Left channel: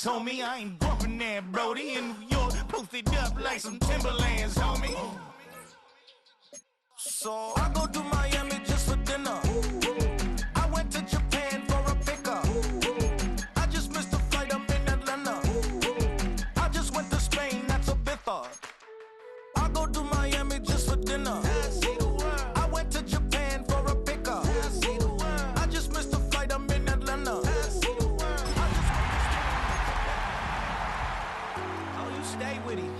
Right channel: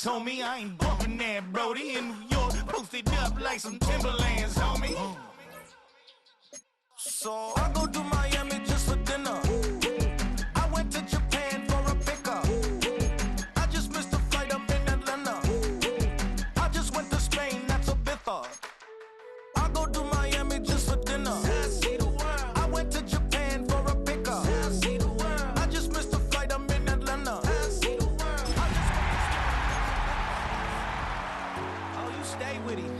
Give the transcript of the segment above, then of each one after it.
bands, homie. I ain't bumping that, Brody. In New York, posted up like some Timberlands, homie. So I go to Miami just for dinner. I went to Japan for a pickup. I just missed a flight up in Atlanta. I just went to Spain, that's a Ibiza. I go to Miami just for dinner. I went to Japan for a pickup. I just missed a flight up in Atlanta. Oh, you stay with him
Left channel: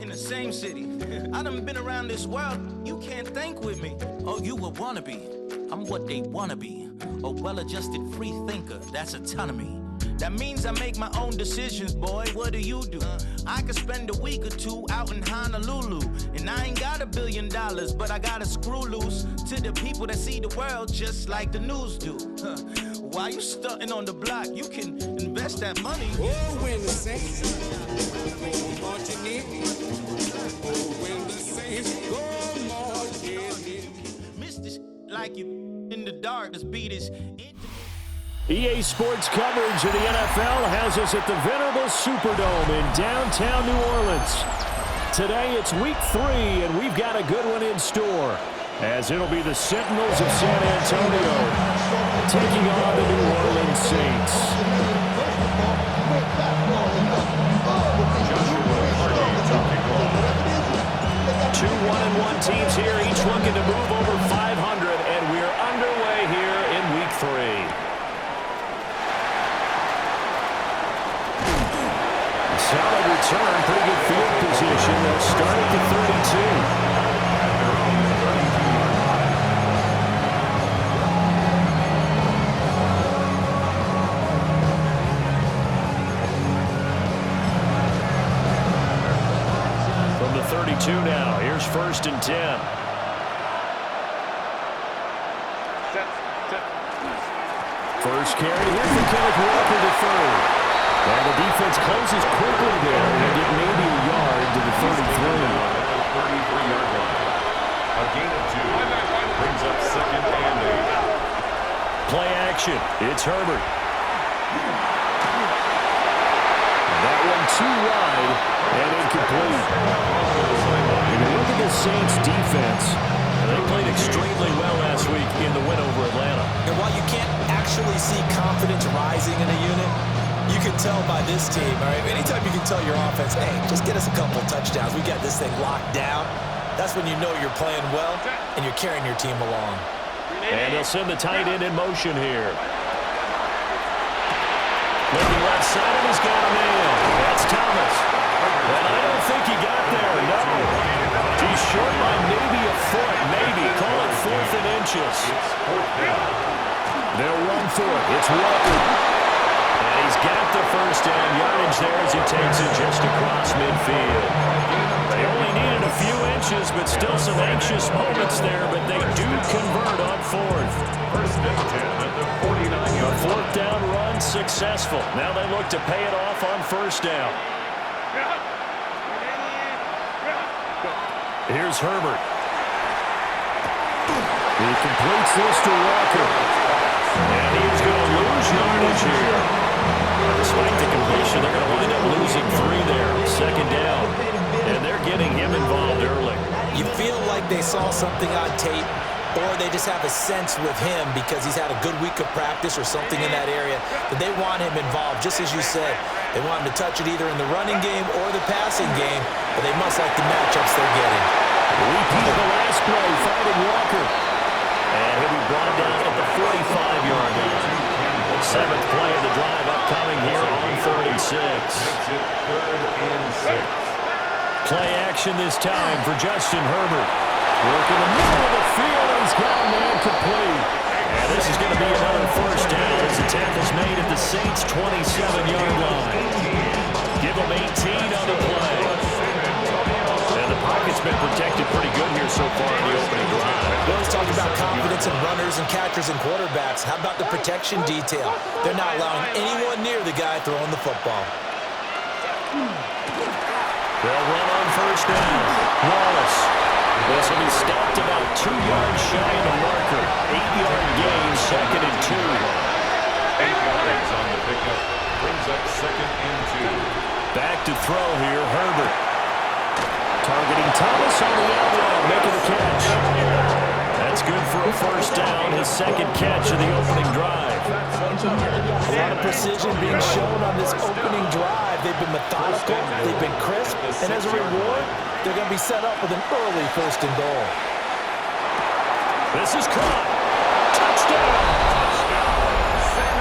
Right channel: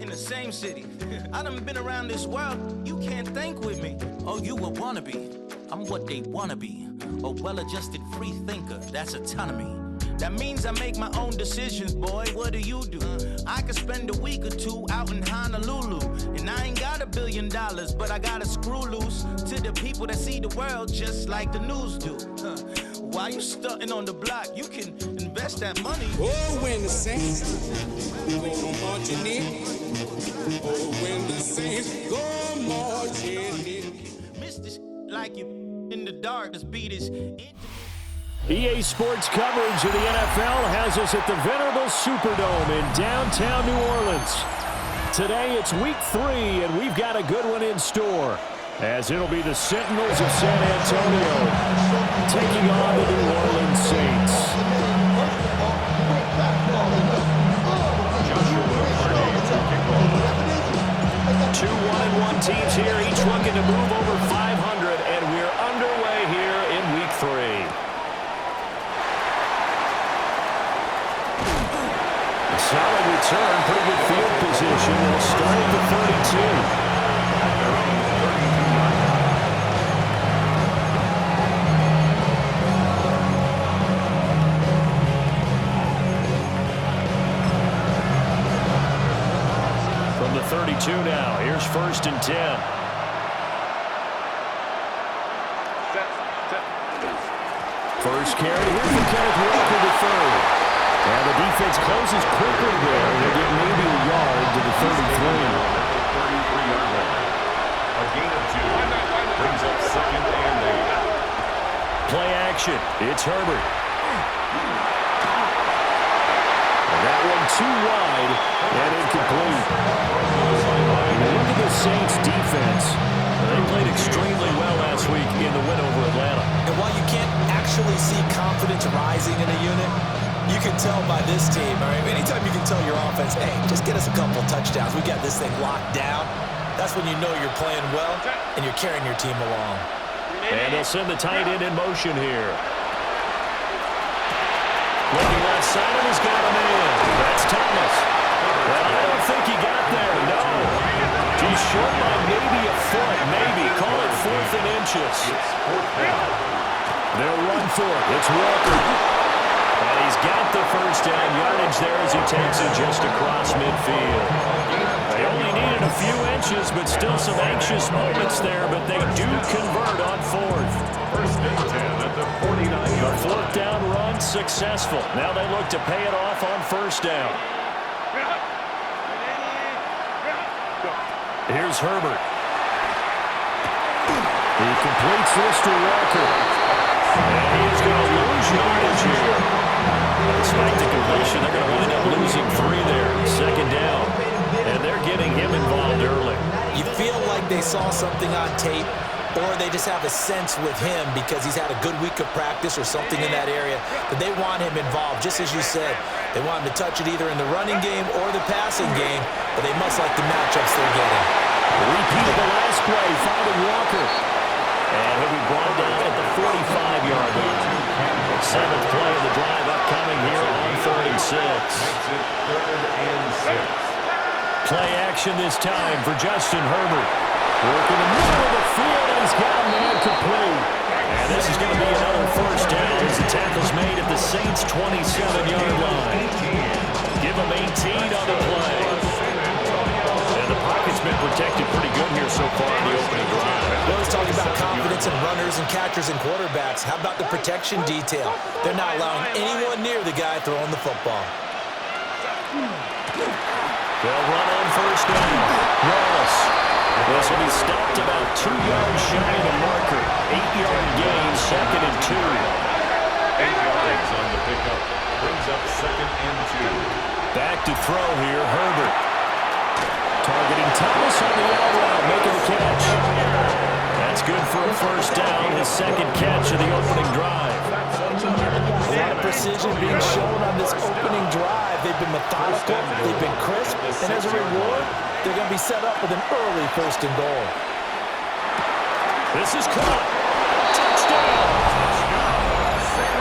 in the same city. I done been around this world, you can't think with me. Oh, you a wannabe, I'm what they wanna be. A well-adjusted free thinker, that's autonomy. That means I make my own decisions, boy, what do you do? I could spend a week or two out in Honolulu. And I ain't got $1 billion, but I got a screw loose to the people that see the world just like the news do. While you stunting on the block, you can invest that money. Oh, when the Saints go marching in. Oh, when the Saints go marching in. Mr. like you in the dark, this beat is EA Sports coverage of the NFL has us at the venerable Superdome in downtown New Orleans. Today it's week 3, and we've got a good one in store, as it'll be the Sentinels of San Antonio taking on the New Orleans Saints. 2 1-1 teams here, each looking to move over 500, and we're underway here in week 3. A solid return, pretty good field position. They'll start at the 32. At their own 32-yard line. From the 32 now, here's 1st and 10. First carry here for Kenneth Walker to third. And the defense closes quickly there. He'll get maybe a yard to the 33. At the 33-yard line. A gain of 2 brings up 2nd and 8. Play action. It's Herbert. And that one too wide and incomplete. When you look at the Saints defense, they played extremely well last week in the win over Atlanta. And while you can't actually see confidence rising in a unit, you can tell by this team, all right? Anytime you can tell your offense, hey, just get us a couple touchdowns. We got this thing locked down. That's when you know you're playing well and you're carrying your team along. And they'll send the tight end in motion here. Looking left side, and he's got a man. That's Thomas. And I don't think he got there, no. He's short by maybe a foot, maybe. Call it 4th and inches. They'll run for it. It's Walker. And he's got the first down yardage there as he takes it just across midfield. They only needed a few inches, but still some anxious moments there, but they do convert on 4th. 1st and 10 at the 49-yard line. The 4th down run successful. Now they look to pay it off on 1st down. Here's Herbert. He completes this to Walker. And he is going to lose yardage here. But despite the completion, they're going to wind up losing 3 there. 2nd down. And they're getting him involved early. You feel like they saw something on tape, or they just have a sense with him because he's had a good week of practice or something in that area that they want him involved. Just as you said, they want him to touch it either in the running game or the passing game, but they must like the matchups they're getting. Repeat of the last play, finding Walker. And he'll be brought down at the 45-yard line. 7th play of the drive upcoming here on 3rd and 6. Makes it 3rd and 6. Play action this time for Justin Herbert. Work in the middle of the field, and he's got a man complete. And this is going to be another 1st down as the tackle's made at the Saints' 27-yard line. Give them 18 on the play. And the pocket's been protected pretty good here so far in the opening drive. Let's talk about confidence in runners and catchers and quarterbacks. How about the protection detail? They're not allowing anyone near the guy throwing the football. They'll run on 1st down. Wallace. This will be stopped about 2 yards shy of the marker. 8-yard gain, 2nd and 2. 8 yards on the pickup. Brings up 2nd and 2. Back to throw here, Herbert. Targeting Thomas on the out route, making the catch. That's good for a first down, his 2nd catch of the opening drive. A lot of precision being shown on this opening drive. They've been methodical, they've been crisp, and as a reward, they're going to be set up with an early 1st and goal. This is caught. Touchdown!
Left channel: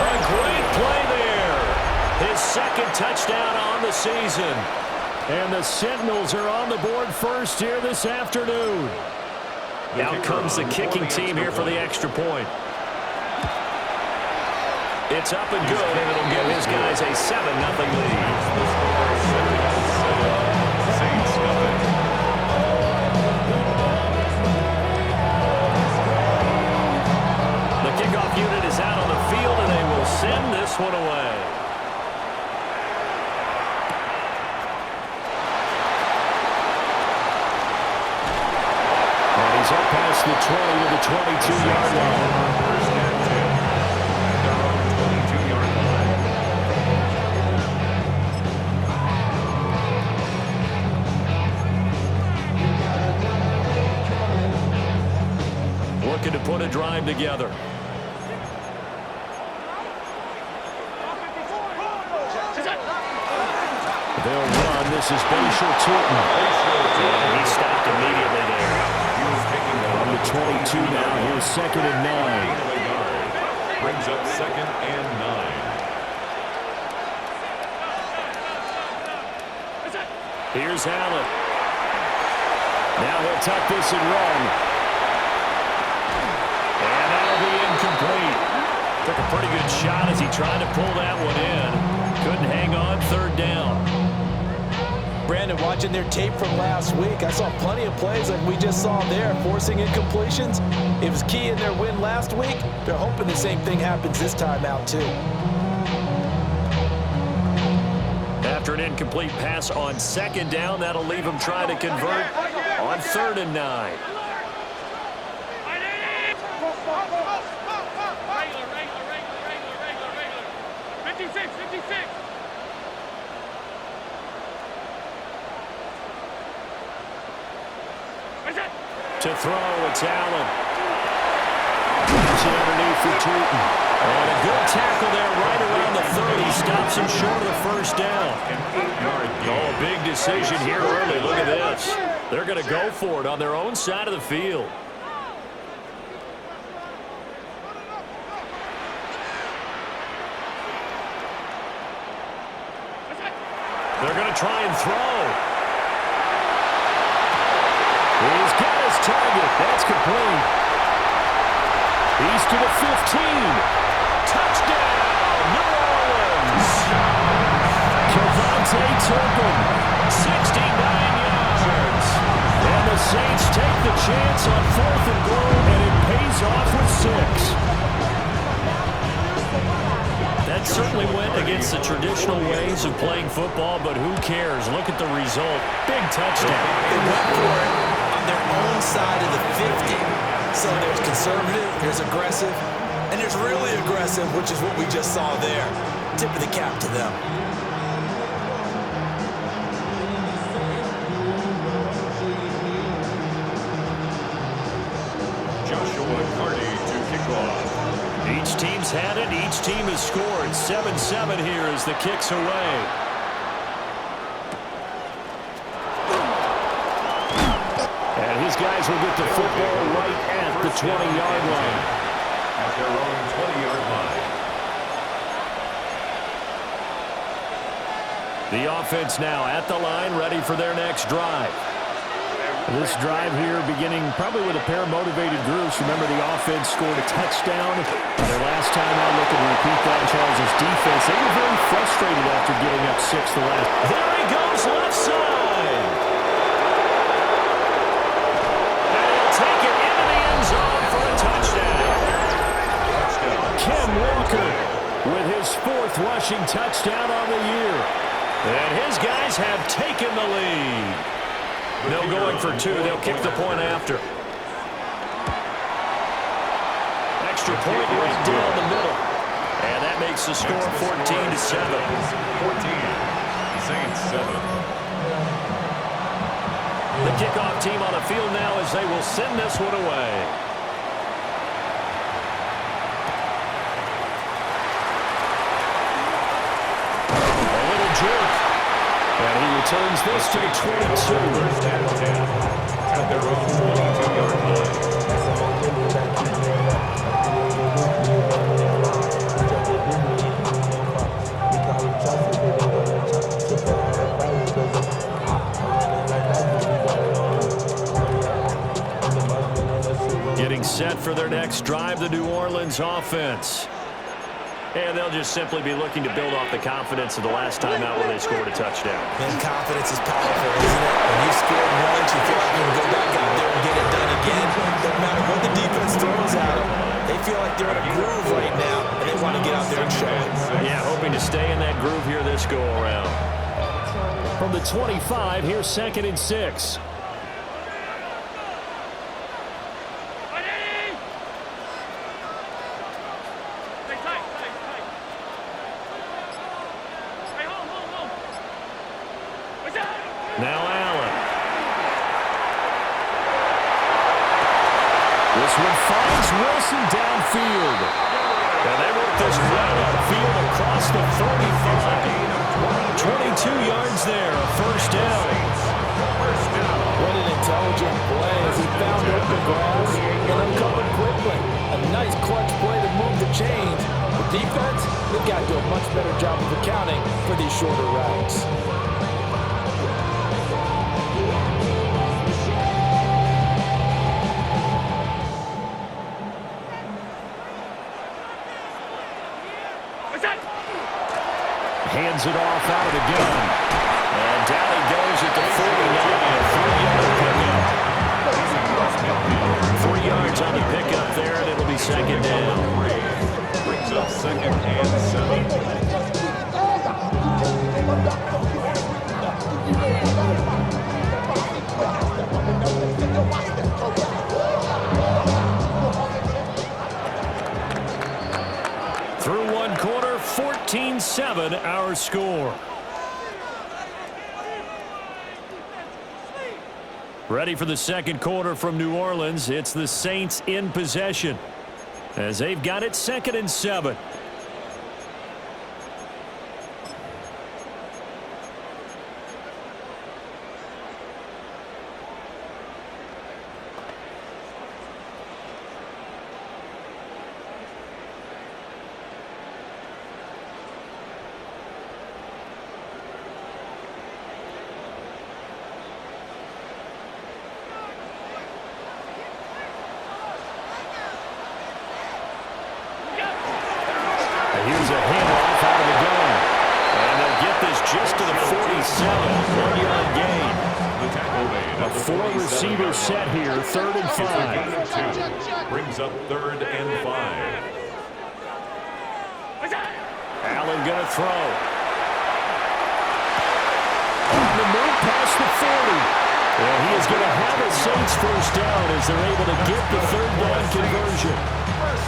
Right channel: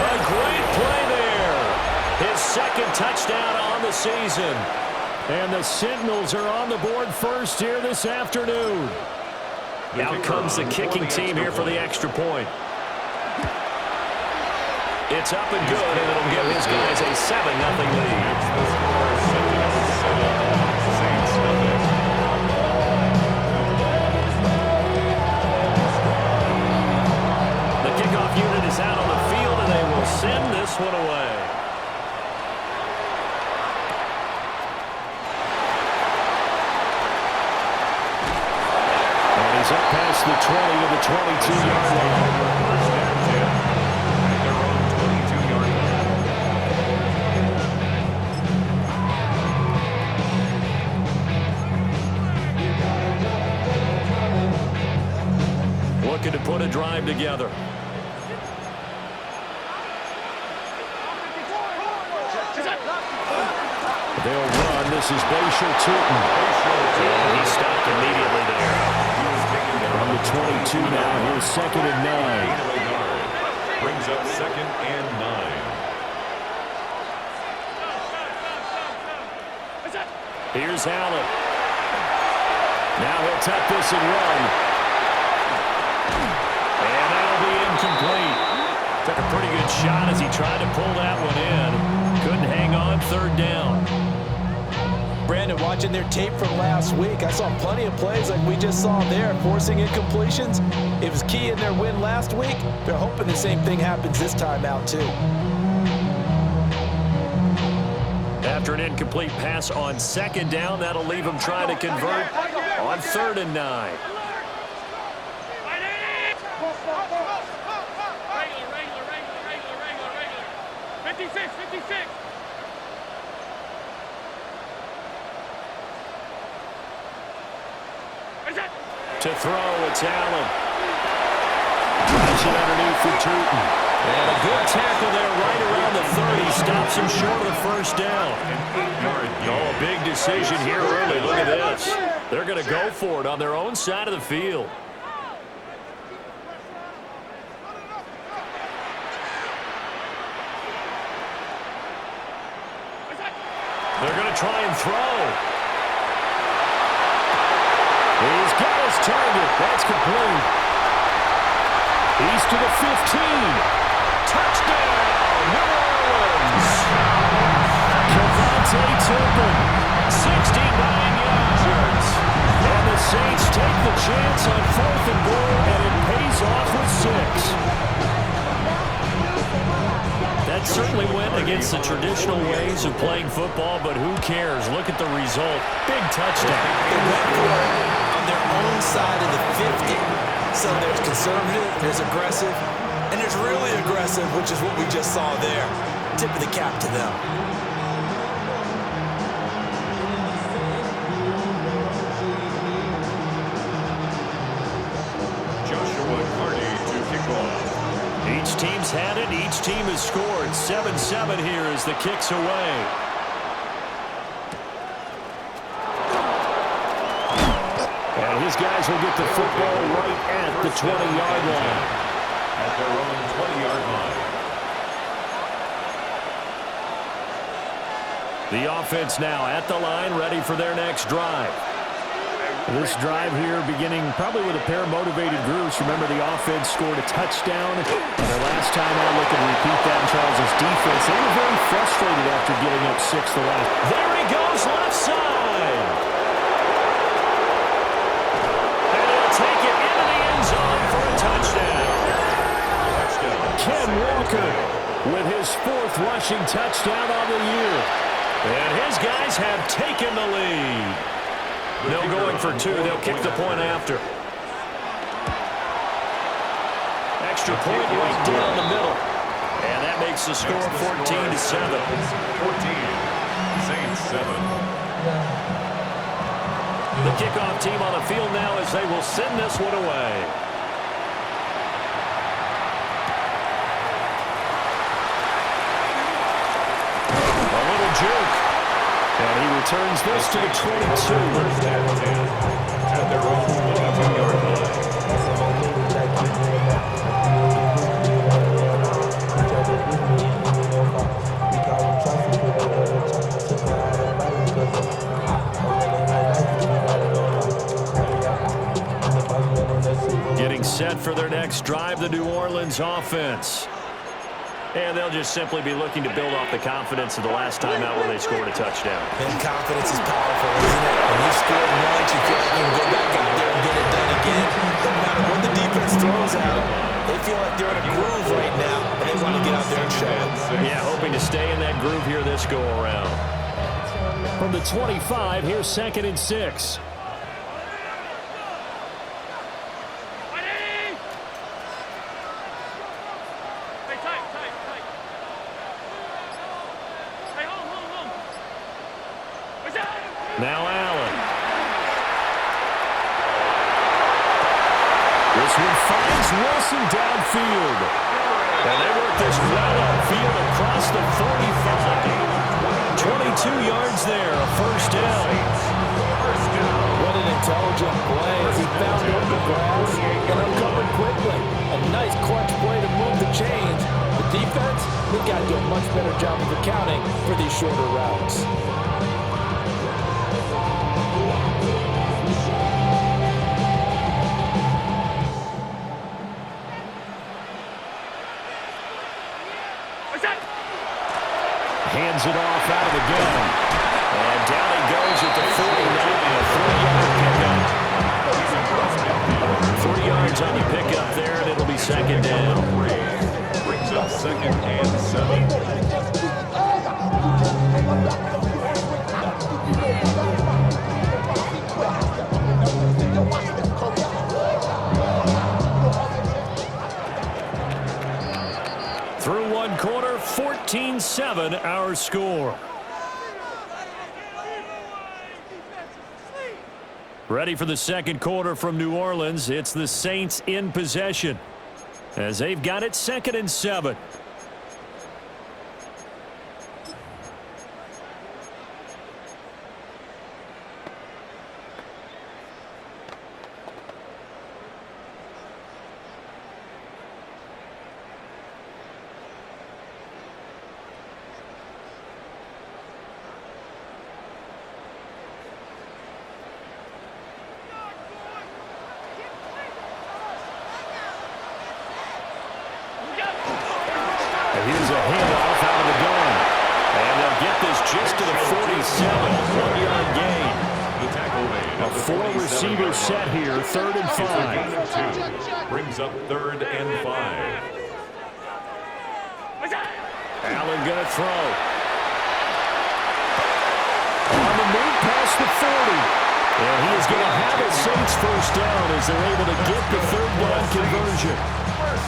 A great play there. His 2nd touchdown on the season. And the Sentinels are on the board first here this afternoon. Out comes the kicking team here for the extra point. It's up and good, and it'll give his guys a 7-0 lead. The score is Sentinels 7, Saints nothing. The kickoff unit is out on the field, and they will send this one away. And he's up past the 20 to the 22-yard line. First and 10 at their own 22-yard line. Looking to put a drive together. They'll run. This is Bashir Tootin. And he stopped immediately there. He was taken from the 22 now. Here's 2nd and 9. Brings up 2nd and 9. Here's Allen. Now he'll tuck this and run. And that'll be incomplete. Took a pretty good shot as he tried to pull that one in. Couldn't hang on. 3rd down. Brandon, watching their tape from last week, I saw plenty of plays like we just saw there, forcing incompletions. It was key in their win last week. They're hoping the same thing happens this time out, too. After an incomplete pass on 2nd down, that'll leave them trying to convert on 3rd and 9. Regular. 56. To throw, it's Allen. Drives it underneath for Tootin. And a good tackle there right around the 30. Stops him short of the first down. An 8-yard gain. Oh, a big decision here early. Look at this. They're going to go for it on their own side of the field. They're going to try and throw. He's got his target. That's complete. He's to the 15. Touchdown, New Orleans. Kevontae Turpin, 69 yards. And the Saints take the chance on 4th and goal, and it pays off with 6. That certainly went against the traditional ways of playing football, but who cares? Look at the result. Big touchdown. They went for it on their own side of the 50. So there's conservative, there's aggressive, and there's really aggressive, which is what we just saw there. Tip of the cap to them. Joshua Carty to kick off. Each team's had it. Each team has scored. 7-7 here as the kick's away. And his guys will get the football right at the 20-yard line. At their own 20-yard line. The offense now at the line, ready for their next drive. This drive here beginning probably with a pair of motivated groups. Remember, the offense scored a touchdown on their last time out. Looking to repeat that in Charles' defense. They were very frustrated after giving up 6 the last. There he goes, left side. And he'll take it into the end zone for a touchdown. Ken Walker with his 4th rushing touchdown on the year. And his guys have taken the lead. No going for 2. They'll kick the point after. Extra point right down the middle. And that makes makes the score 14-7. 14. Saints 7. The kickoff team on the field now as they will send this one away. A little juke. And he returns this to the 22. First and 10 at their own 22-yard line. Getting set for their next drive, the New Orleans offense. And they'll just simply be looking to build off the confidence of the last time out where they scored a touchdown. And confidence is powerful, isn't it? When you've scored once, you feel like you can go back out there and get it done again. Doesn't matter what the defense throws at them. They feel like they're in a groove right now, and they want to get out there and show it. Yeah, hoping to stay in that groove here this go-around. From the 25, here's 2nd and 6. Now Allen. This one finds Wilson downfield. And they work this right upfield across the 45. 22 yards there, a first down. What an intelligent play as he found open grass and uncovered quickly. A nice clutch play to move the chains. The defense, they've got to do a much better job of accounting for these shorter routes. Hands it off out of the gun. And down he goes at the 49, a 3-yard pickup. 3 yards on the pickup there, and it'll be second down. Brings up 2nd and 7. Through one quarter, 14-7 our score. Ready for the second quarter from New Orleans. It's the Saints in possession as they've got it 2nd and 7. Here's a handoff out of the gun. And they'll get this just to the 47. 1-yard gain. The tackle made. A 4-receiver set here, 3rd and 5. Brings up 3rd and 5. Allen going to throw. On the move past the 40. And he is going to have a Saints first down as they're able to get the 3rd down conversion.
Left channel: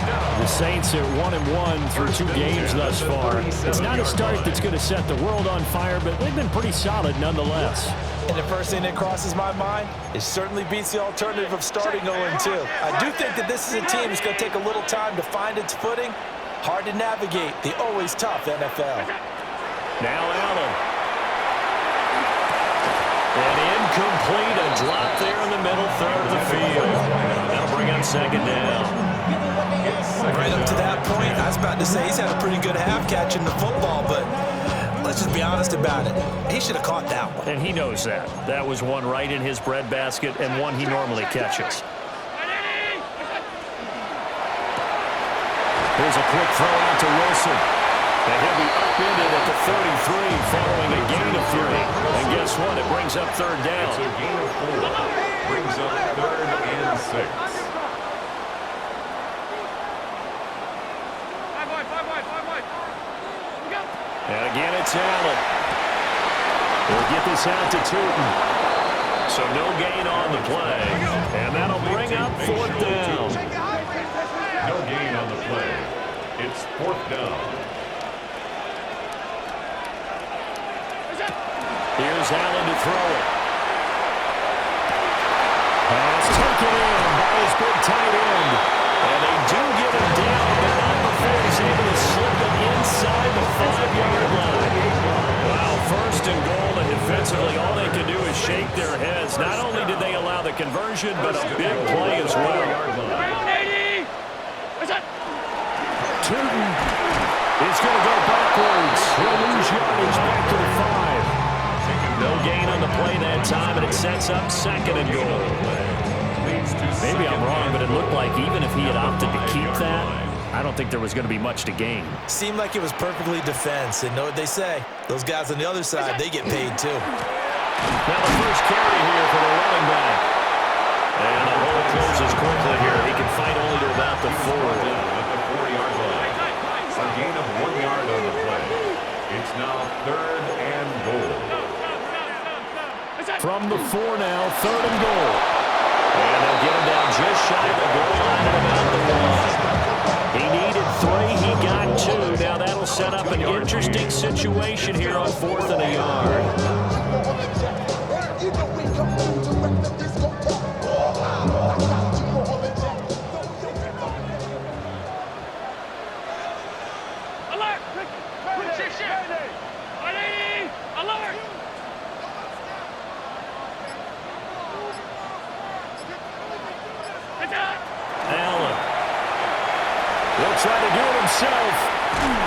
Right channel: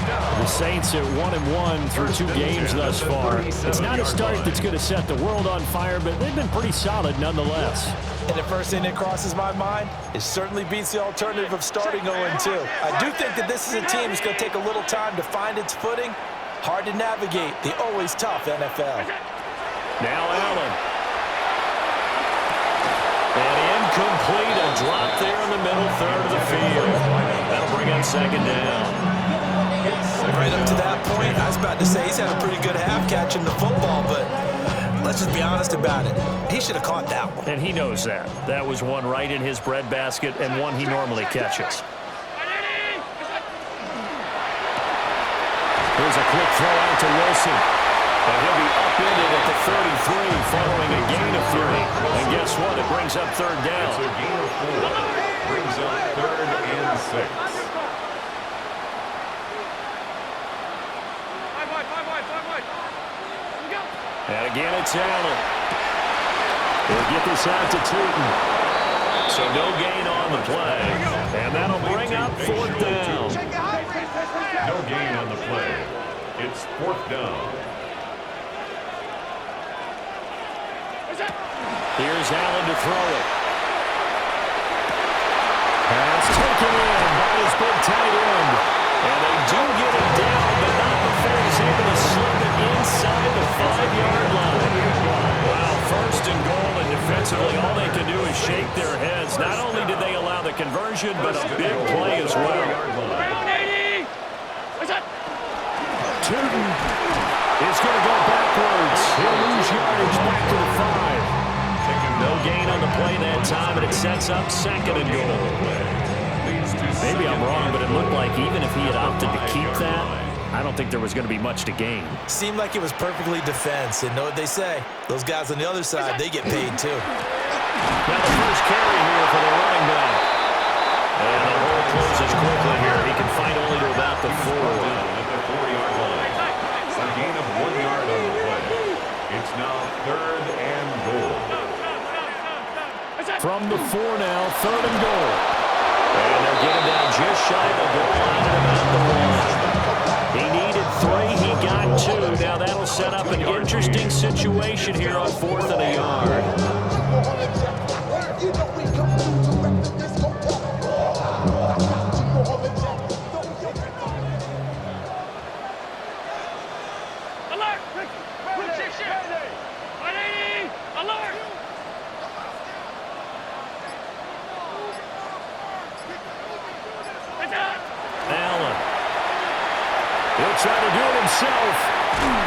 The Saints at 1-1 through 2 games thus far. It's not a start that's going to set the world on fire, but they've been pretty solid nonetheless. And the first thing that crosses my mind, it certainly beats the alternative of starting 0-2. I do think that this is a team that's going to take a little time to find its footing. Hard to navigate the always tough NFL. Now Allen. And incomplete, a drop there in the middle third of the field. That'll bring up 2nd down. Right up to that point, I was about to say he's had a pretty good half catching the football, but let's just be honest about it. He should have caught that one. And he knows that. That was one right in his breadbasket and one he normally catches. Here's a quick throw out to Wilson. And he'll be upended at the 33 following a gain of 3. And guess what? It brings up 3rd down. It's a gain of 4. Brings up 3rd and 6. And again, it's Allen. We'll get this out to Tootin. So no gain on the play. And that'll bring up 4th down. No gain on the play. It's 4th down. Here's Allen to throw it. Pass taken in by his big tight end. And they do get him down, but not before he's able to slip it inside the 5-yard line. Wow, first and goal, and defensively all they can do is shake their heads. Not only did they allow the conversion, but a big play as well. Tootin is going to go backwards. He'll lose yardage back to the 5. No gain on the play that time, and it sets up second and goal. Maybe I'm wrong, but it looked like even if he had opted to keep that, I don't think there was going to be much to gain. Seemed like it was perfectly defense, and know what they say. Those guys on the other side, they get paid too. Now the first carry here for the running back. And the hole closes quickly here. He can fight only to about the 4. At the 4-yard line. A gain of 1 yard on the play. It's now 3rd and goal. From the 4 now, 3rd and goal. And they'll get him down just shy of the goal line at about the 1. He needed 3, he got 2. Now that'll set up an interesting situation here on 4th and a yard. Alert! Ricky! Alert! Allen. He'll try to do it himself.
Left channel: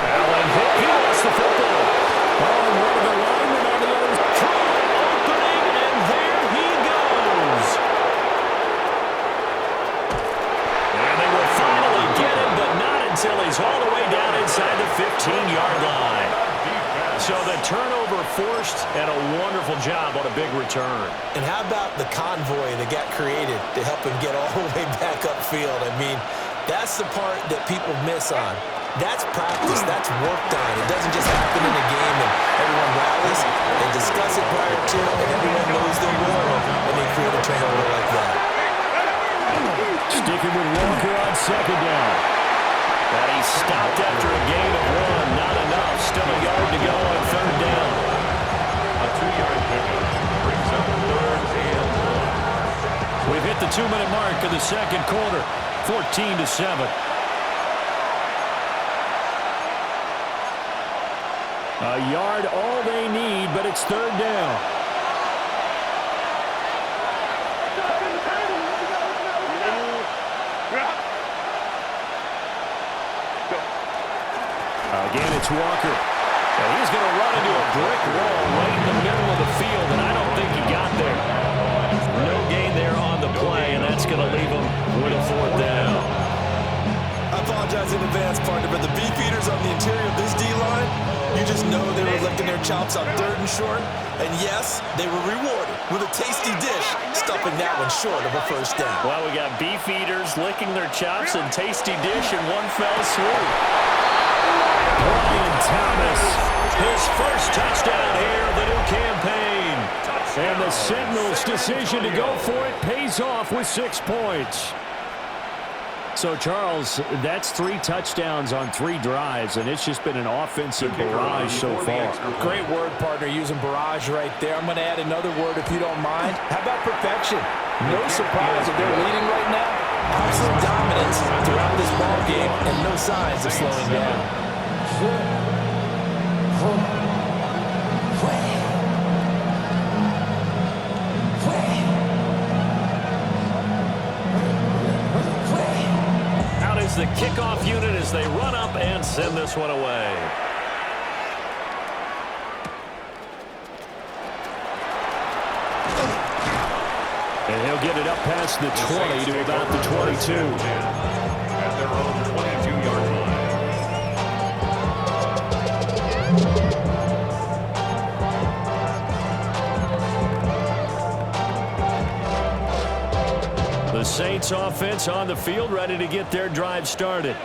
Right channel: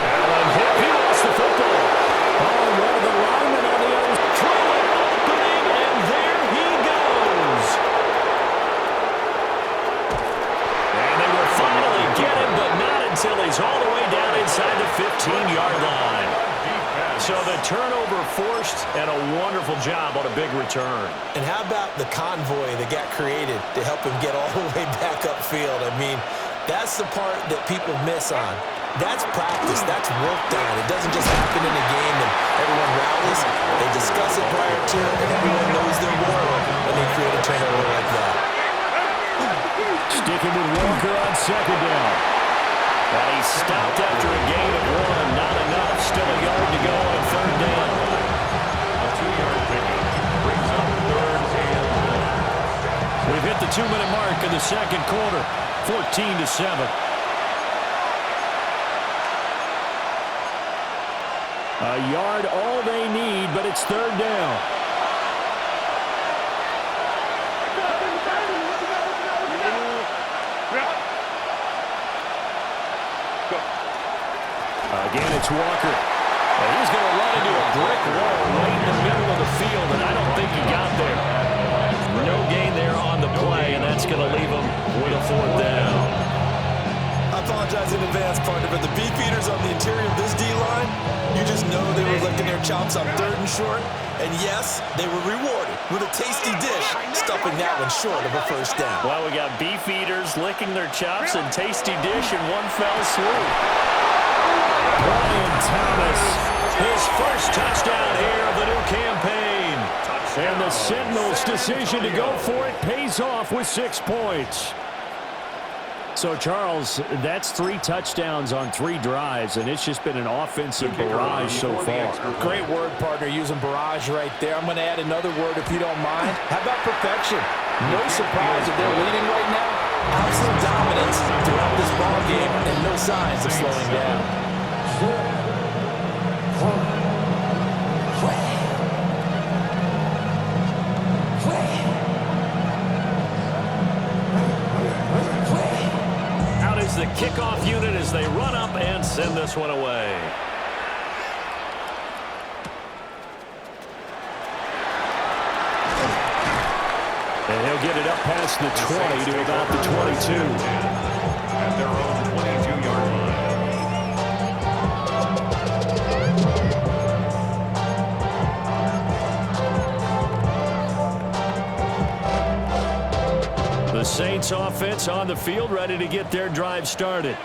Allen hit. He lost the football. Oh, and one of the linemen on the other threw an opening, and there he goes. And they will finally get him, but not until he's all the way down inside the 15-yard line. So the turnover forced, and a wonderful job on a big return. And how about the convoy that got created to help him get all the way back upfield? I mean, that's the part that people miss on. That's practice. That's work done. It doesn't just happen in a game and everyone rallies. They discuss it prior to, and everyone knows their role when they create a turnover like that. Sticking with Walker on 2nd down. But he stopped after a gain of 1. Not enough. Still a yard to go on 3rd down. A 2-yard pickup brings up 3rd and 1. We've hit the 2-minute mark in the 2nd quarter. 14-7. A yard all they need, but it's 3rd down. Again, it's Walker. And he's going to run into a brick wall right in the middle of the field, and I don't think he got there. No gain there on the play, and that's going to leave him with a 4th down. I apologize in advance, partner, but the beef eaters on the interior of this D-line, you just know they were licking their chops on 3rd and short. And yes, they were rewarded with a tasty dish, stuffing that one short of a 1st down. Well, we got beef eaters licking their chops and tasty dish in one fell swoop. Brian Thomas, his first touchdown here of the new campaign. And the Sentinels' decision to go for it pays off with 6 points. So, Charles, that's 3 touchdowns on 3 drives, and it's just been an offensive barrage so far. Great word, partner, using barrage right there. I'm going to add another word if you don't mind. How about perfection? No surprise that they're leading right now. Absolute dominance throughout this ball game and no signs of slowing down. Out is the kickoff unit as they run up and send this one away. And he'll get it up past the 20 to about the 22. At their own 22-yard line. The Saints offense on the field, ready to get their drive started.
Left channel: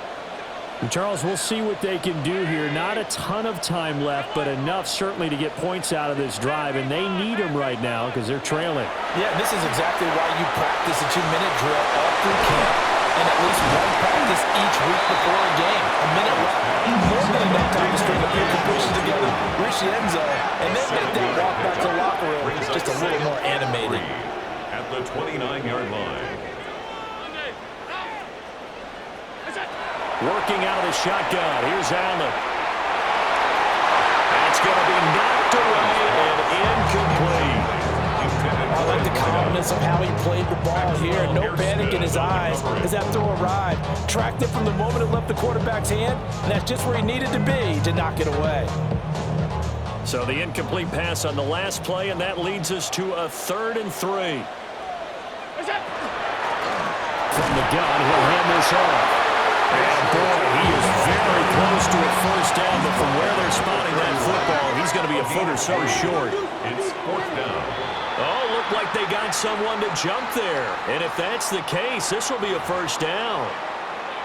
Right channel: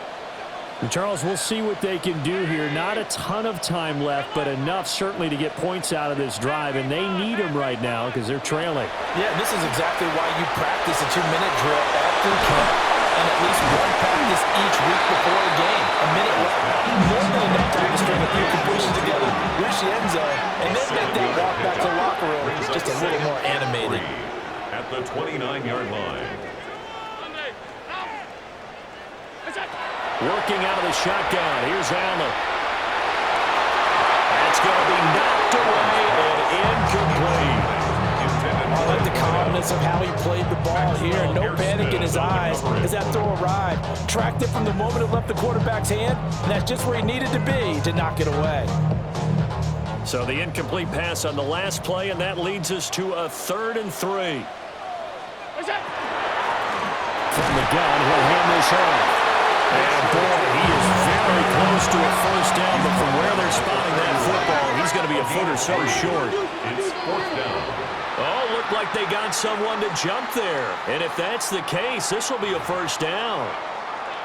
And Charles, we'll see what they can do here. Not a ton of time left, but enough certainly to get points out of this drive, and they need them right now because they're trailing. Yeah, this is exactly why you practice a 2-minute drill all through camp and at least one practice each week before a game. A minute left, more than enough time to string a few completions together, reach the end zone, and then make that walk back to the locker room just a little more animated. At the 29-yard line. Working out of the shotgun. Here's Allen. That's going to be knocked away and incomplete. I like the calmness of how he played the ball here. No panic in his eyes as that throw arrived. Tracked it from the moment it left the quarterback's hand, and that's just where he needed to be to knock it away. So the incomplete pass on the last play, and that leads us to a 3rd and 3. From the gun, he'll hand this off. And boy, he is very close to a first down, but from where they're spotting that football, he's going to be a foot or so short. It's 4th down. Oh, looked like they got someone to jump there. And if that's the case, this will be a first down.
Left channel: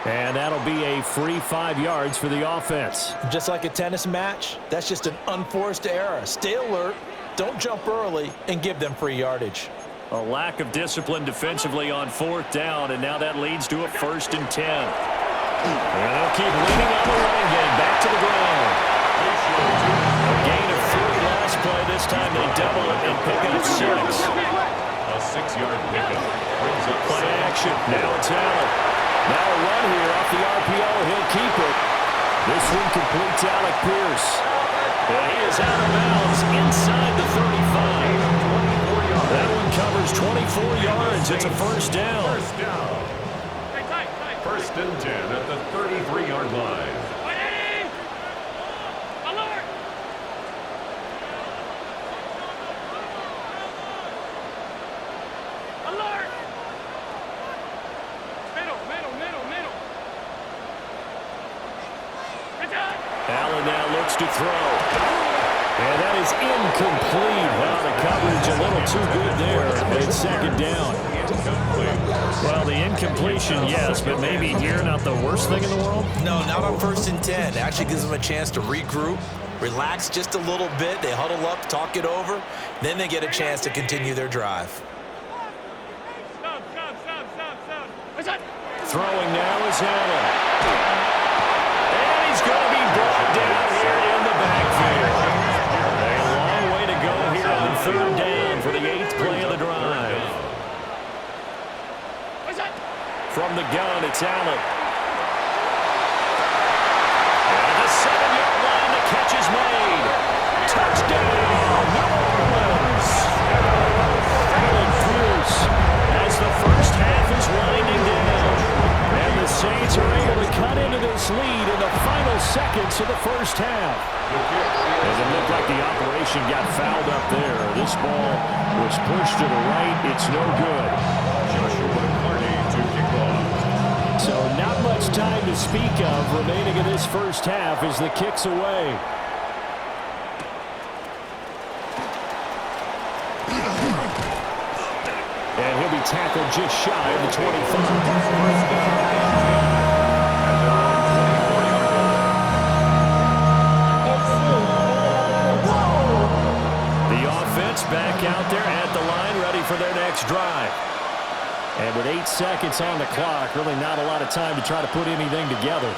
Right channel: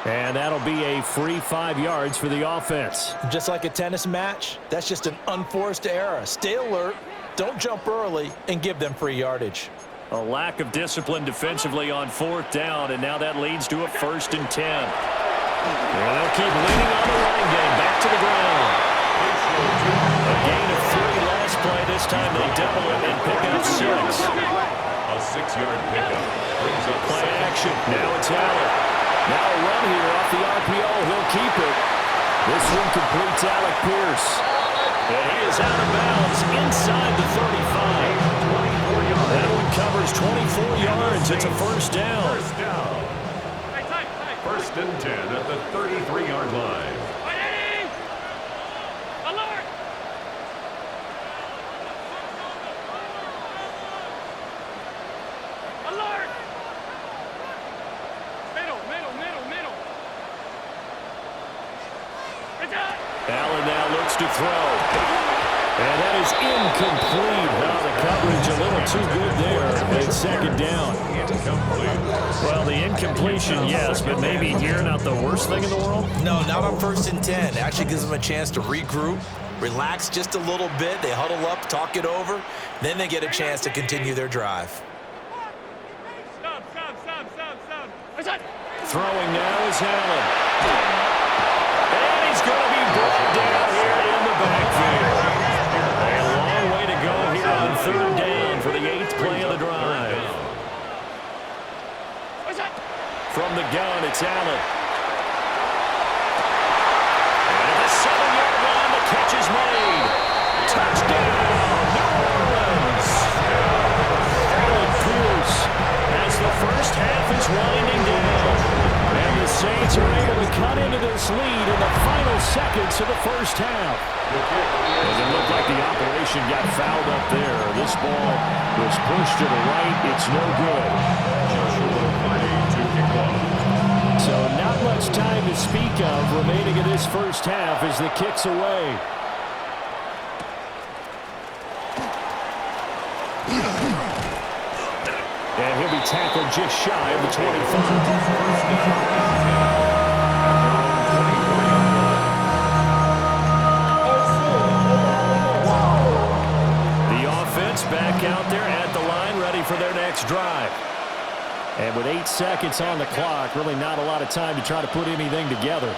And that'll be a free 5 yards for the offense. Just like a tennis match, that's just an unforced error. Stay alert, don't jump early, and give them free yardage. A lack of discipline defensively on 4th down, and now that leads to a 1st and 10. And they'll keep leaning on the running game. Back to the ground. A gain of 3 last play. This time they double it and pick up 6. A 6-yard pickup brings up Play action. Now it's Allen. Now a run here off the RPO. He'll keep it. This one completes Alec Pierce. And he is out of bounds inside the 35. That one covers 24 yards. It's a first down. First down. 1st and 10 at the 33-yard line. Alert! Alert! Middle. Allen now looks to throw. And that is incomplete. Well, the coverage a little too good there. It's 2nd down. Well, the incompletion, yes, but maybe here not the worst thing in the world? No, not on 1st and 10. Actually gives them a chance to regroup, relax just a little bit. They huddle up, talk it over. Then they get a chance to continue their drive. Stop. Throwing now is Allen. And he's going to be brought down here in the backfield. A long way to go here on 3rd down for the 8th play of the drive. From the gun, it's Allen. And at the 7-yard line, the catch is made. Touchdown, New Orleans. Alec Pierce as the first half is winding down. And the Saints are able to cut into this lead in the final seconds of the first half. As it looked like the operation got fouled up there. This ball was pushed to the right. It's no good. Joshua Carney to kick off. So not much time to speak of remaining in this first half as the kick's away. And he'll be tackled just shy of the 25. First down and 10 at their own 24-yard line. The offense back out there at the line, ready for their next drive. And with 8 seconds on the clock, really not a lot of time to try to put anything together.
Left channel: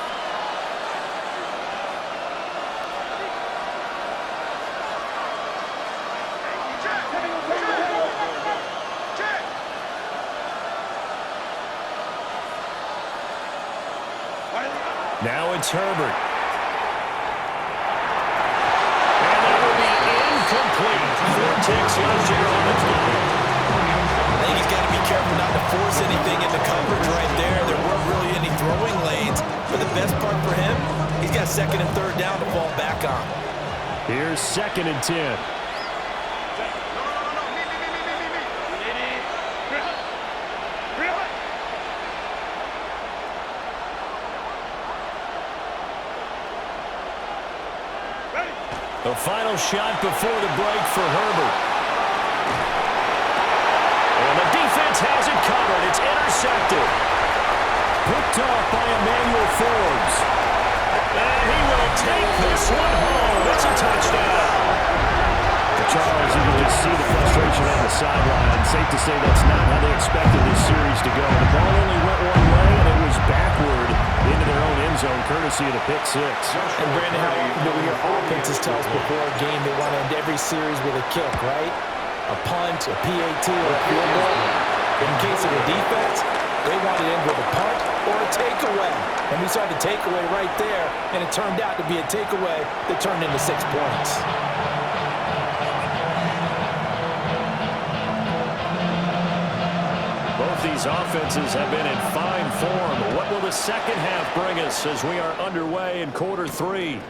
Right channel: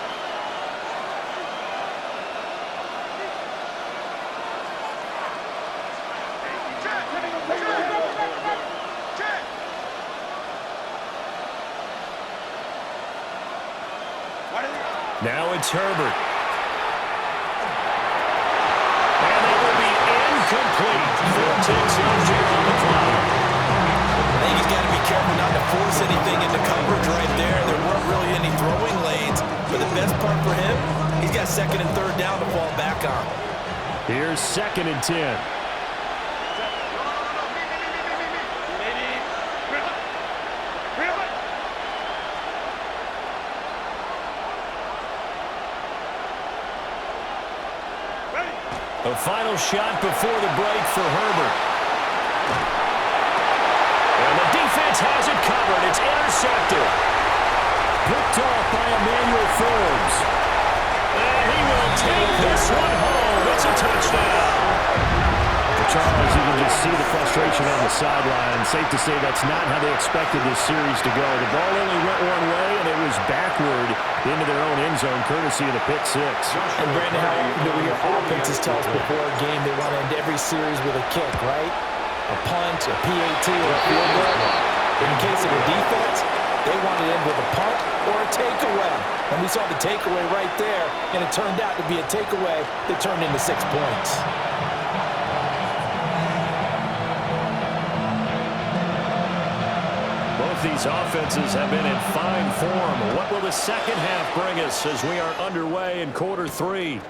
Now it's Herbert. And that will be incomplete. 4 ticks left here on the clock. I think he's got to be careful not to force anything into coverage right there. There weren't really any throwing lanes. But the best part for him, he's got 2nd and 3rd down to fall back on. Here's 2nd and 10. A final shot before the break for Herbert. And the defense has it covered. It's intercepted. Picked off by Emmanuel Forbes. And he will take this one home. It's a touchdown. The Charles, you can just see the frustration on the sideline. Safe to say that's not how they expected this series to go. The ball only went one way, and it was backward into their own end zone, courtesy of the pick six. And Brandon, how often do we hear offenses tell us before a game they want to end every series with a kick, right? A punt, a PAT, or a field goal. In case of the defense, they want to end with a punt or a takeaway. And we saw the takeaway right there, and it turned out to be a takeaway that turned into 6 points. Both these offenses have been in fine form. What will the second half bring us as we are underway in quarter three?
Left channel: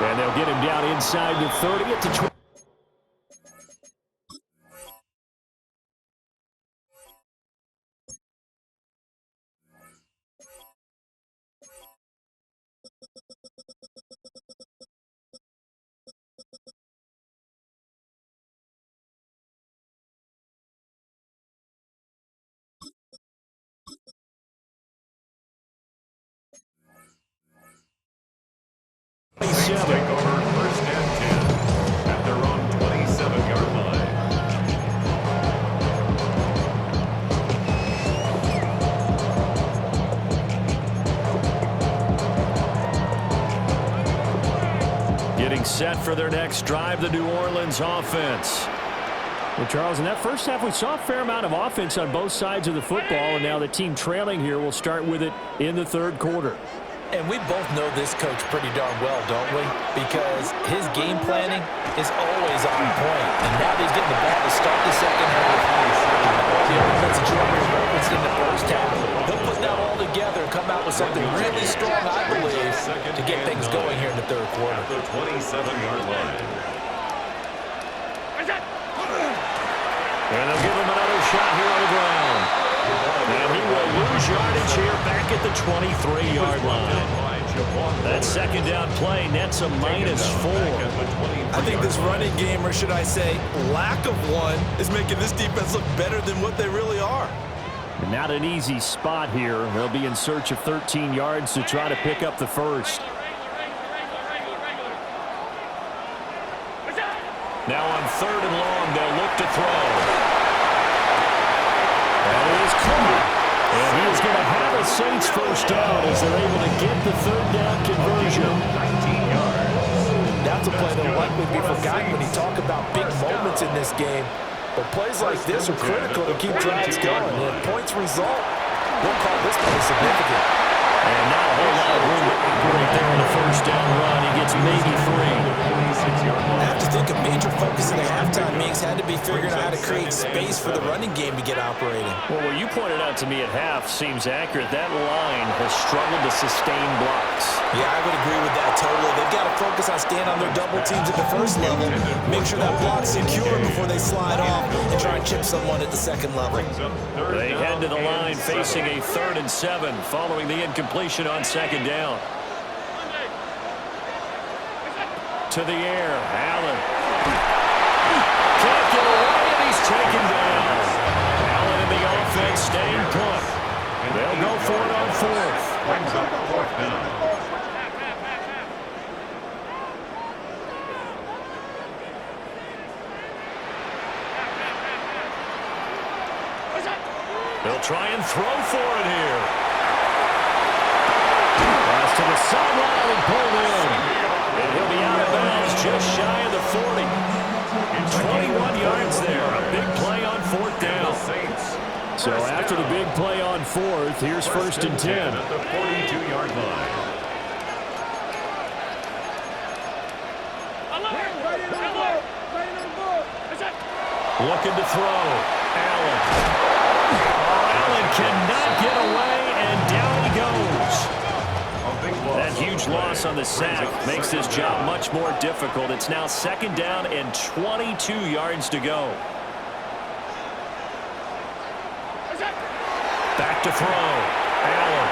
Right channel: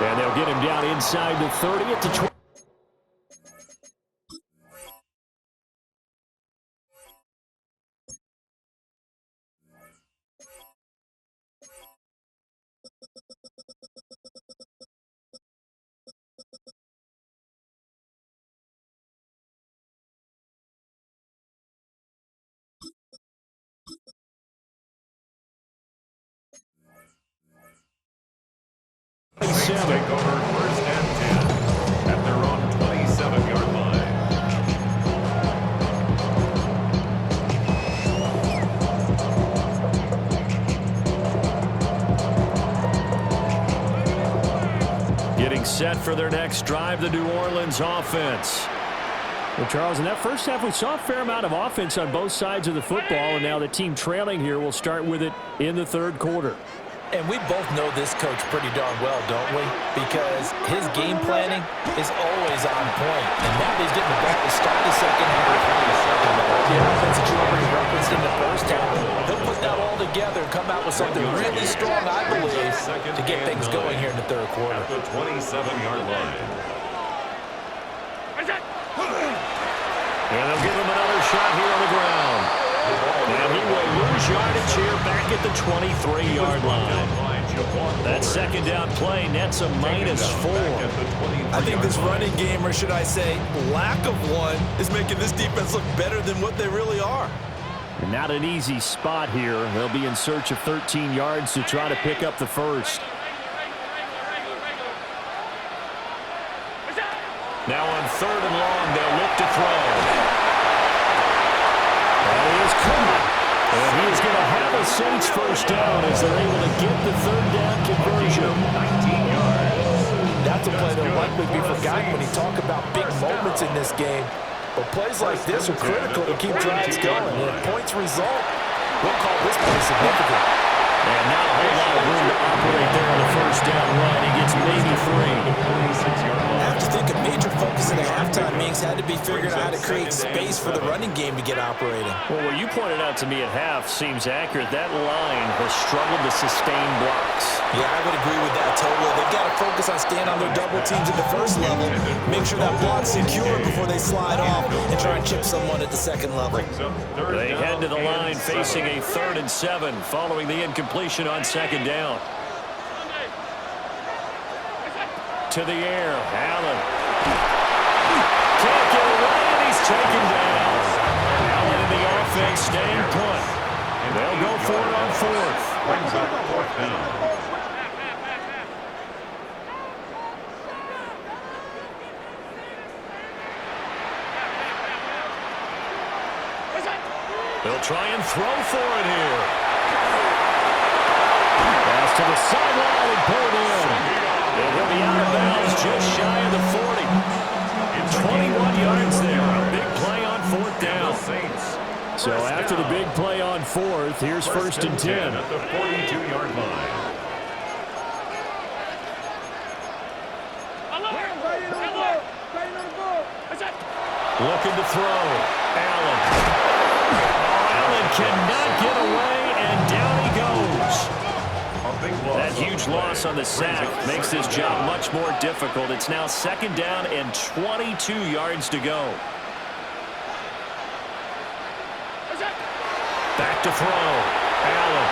And they'll get him down inside the 30 at the 20. Take over first and 10 at their own 27-yard line. Getting set for their next drive, the New Orleans offense. Well, Charles, in that first half, we saw a fair amount of offense on both sides of the football, and now the team trailing here will start with it in the third quarter. And we both know this coach pretty darn well, don't we? Because his game planning is always on point. And now that he's getting the ball to start the second half, the offense that you already referenced in the first half, he'll put that all together and come out with something really strong, I believe, to get things going here in the third quarter. At the 27-yard line. And they'll give him another shot here on the ground. And he will lose yardage here back at the 23-yard line. That second down play nets a -4. I think this running game, or should I say lack of one, is making this defense look better than what they really are. And not an easy spot here. They'll be in search of 13 yards to try to pick up the first. Now on third and long, they'll look to throw. That is caught. And he is going to have a Saints first down as they're able to get the third down conversion. 19 yards. That's a play that will likely be forgotten when you talk about big moments in this game. But plays like this are critical to keep drives going. And if points result, we'll call this play significant. And not a whole lot of room to operate there on the first down run. He gets maybe 3. I have to think a major focus in the halftime meetings had to be figuring out how to create space for the running game to get operating. Well, what you pointed out to me at half seems accurate. That line has struggled to sustain blocks. Yeah, I would agree with that totally. They've got to focus on staying on their double teams at the first level, make sure that block's secure before they slide off, and try and chip someone at the second level. They head to the line facing a 3rd and 7 following the incompletion on second down. To the air, Allen. Can't get away, and he's taken down. Allen and the offense staying put. They'll go for it on 4th. Brings up 4th down. They'll try and throw for it here. Pass to the sideline and pulled in. And he'll be out of bounds just shy of the 40. 21 yards there. A big play on 4th down. So after the big play on 4th, here's 1st and 10. At the 42-yard line. Looking to throw. Allen. Oh, Allen cannot get away, and down he goes. That huge loss on the sack makes this job much more difficult. It's now 2nd down and 22 yards to go. Back to throw. Allen.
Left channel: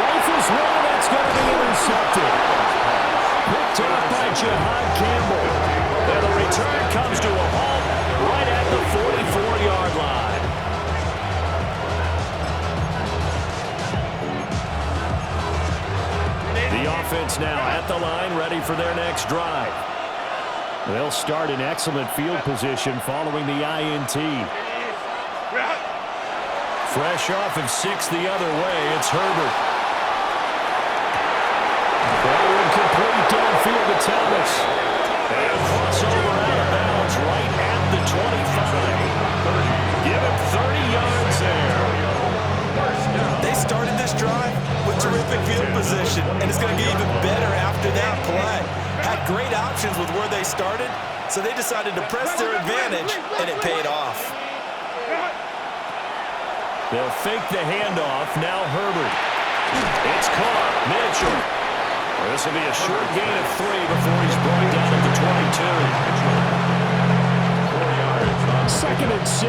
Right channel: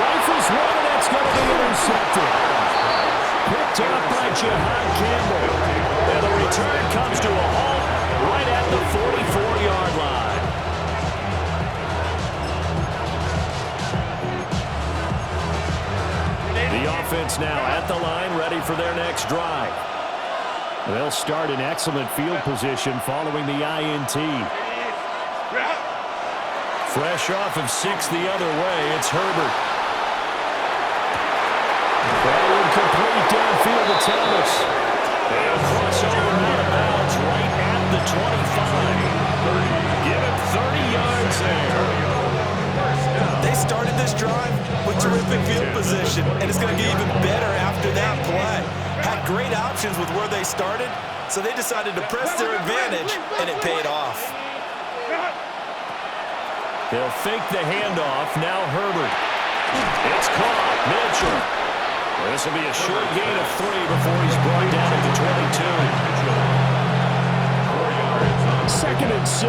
Rifles one, and that's going to be intercepted. Picked up by Jihad Campbell. And the return comes to a halt right at the 44-yard line. The offense now at the line, ready for their next drive. They'll start in excellent field position following the INT. Fresh off of 6 the other way, it's Herbert. That one complete downfield to Thomas. They'll cross over out of bounds right at the 25. Give him 30 yards there. They started this drive with terrific field position, and it's going to get even better after that play. Had great options with where they started, so they decided to press their advantage, and it paid off. They'll fake the handoff. Now Herbert. It's caught. Mitchell. This will be a short gain of 3 before he's brought down at the 22. 4 yards on 2nd and 6.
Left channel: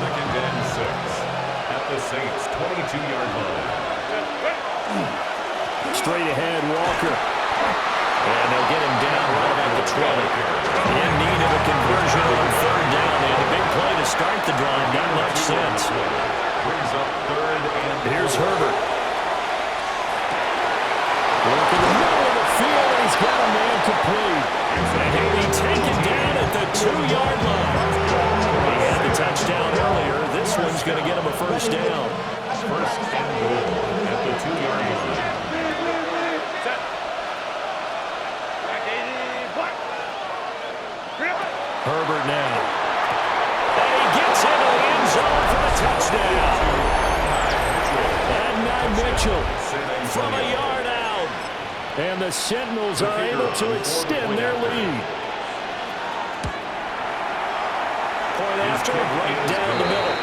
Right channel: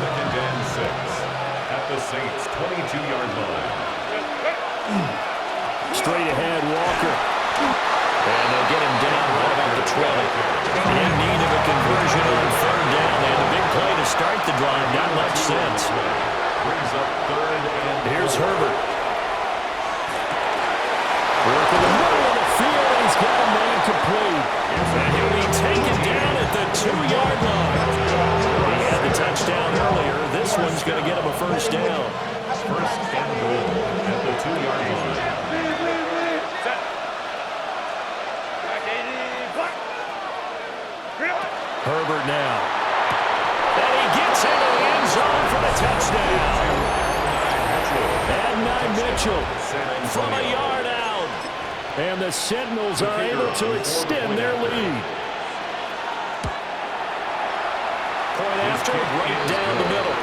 2nd and 6 at the Saints' 22-yard line. Straight ahead, Walker. And they'll get him down right about the 20. In need of a conversion on 3rd down. They had a big play to start the drive. Not much sense. Brings up 3rd and Here's Herbert. Working the middle of the field, and he's got a man complete. And he'll be taken down at the 2-yard line. He had the touchdown earlier. This one's going to get him a first down. 1st and goal at the 2-yard line. Herbert now. And he gets into the end zone for the touchdown. Adden Mitchell from a yard out. And the Sentinels are able to extend their lead. Point after, right down the middle.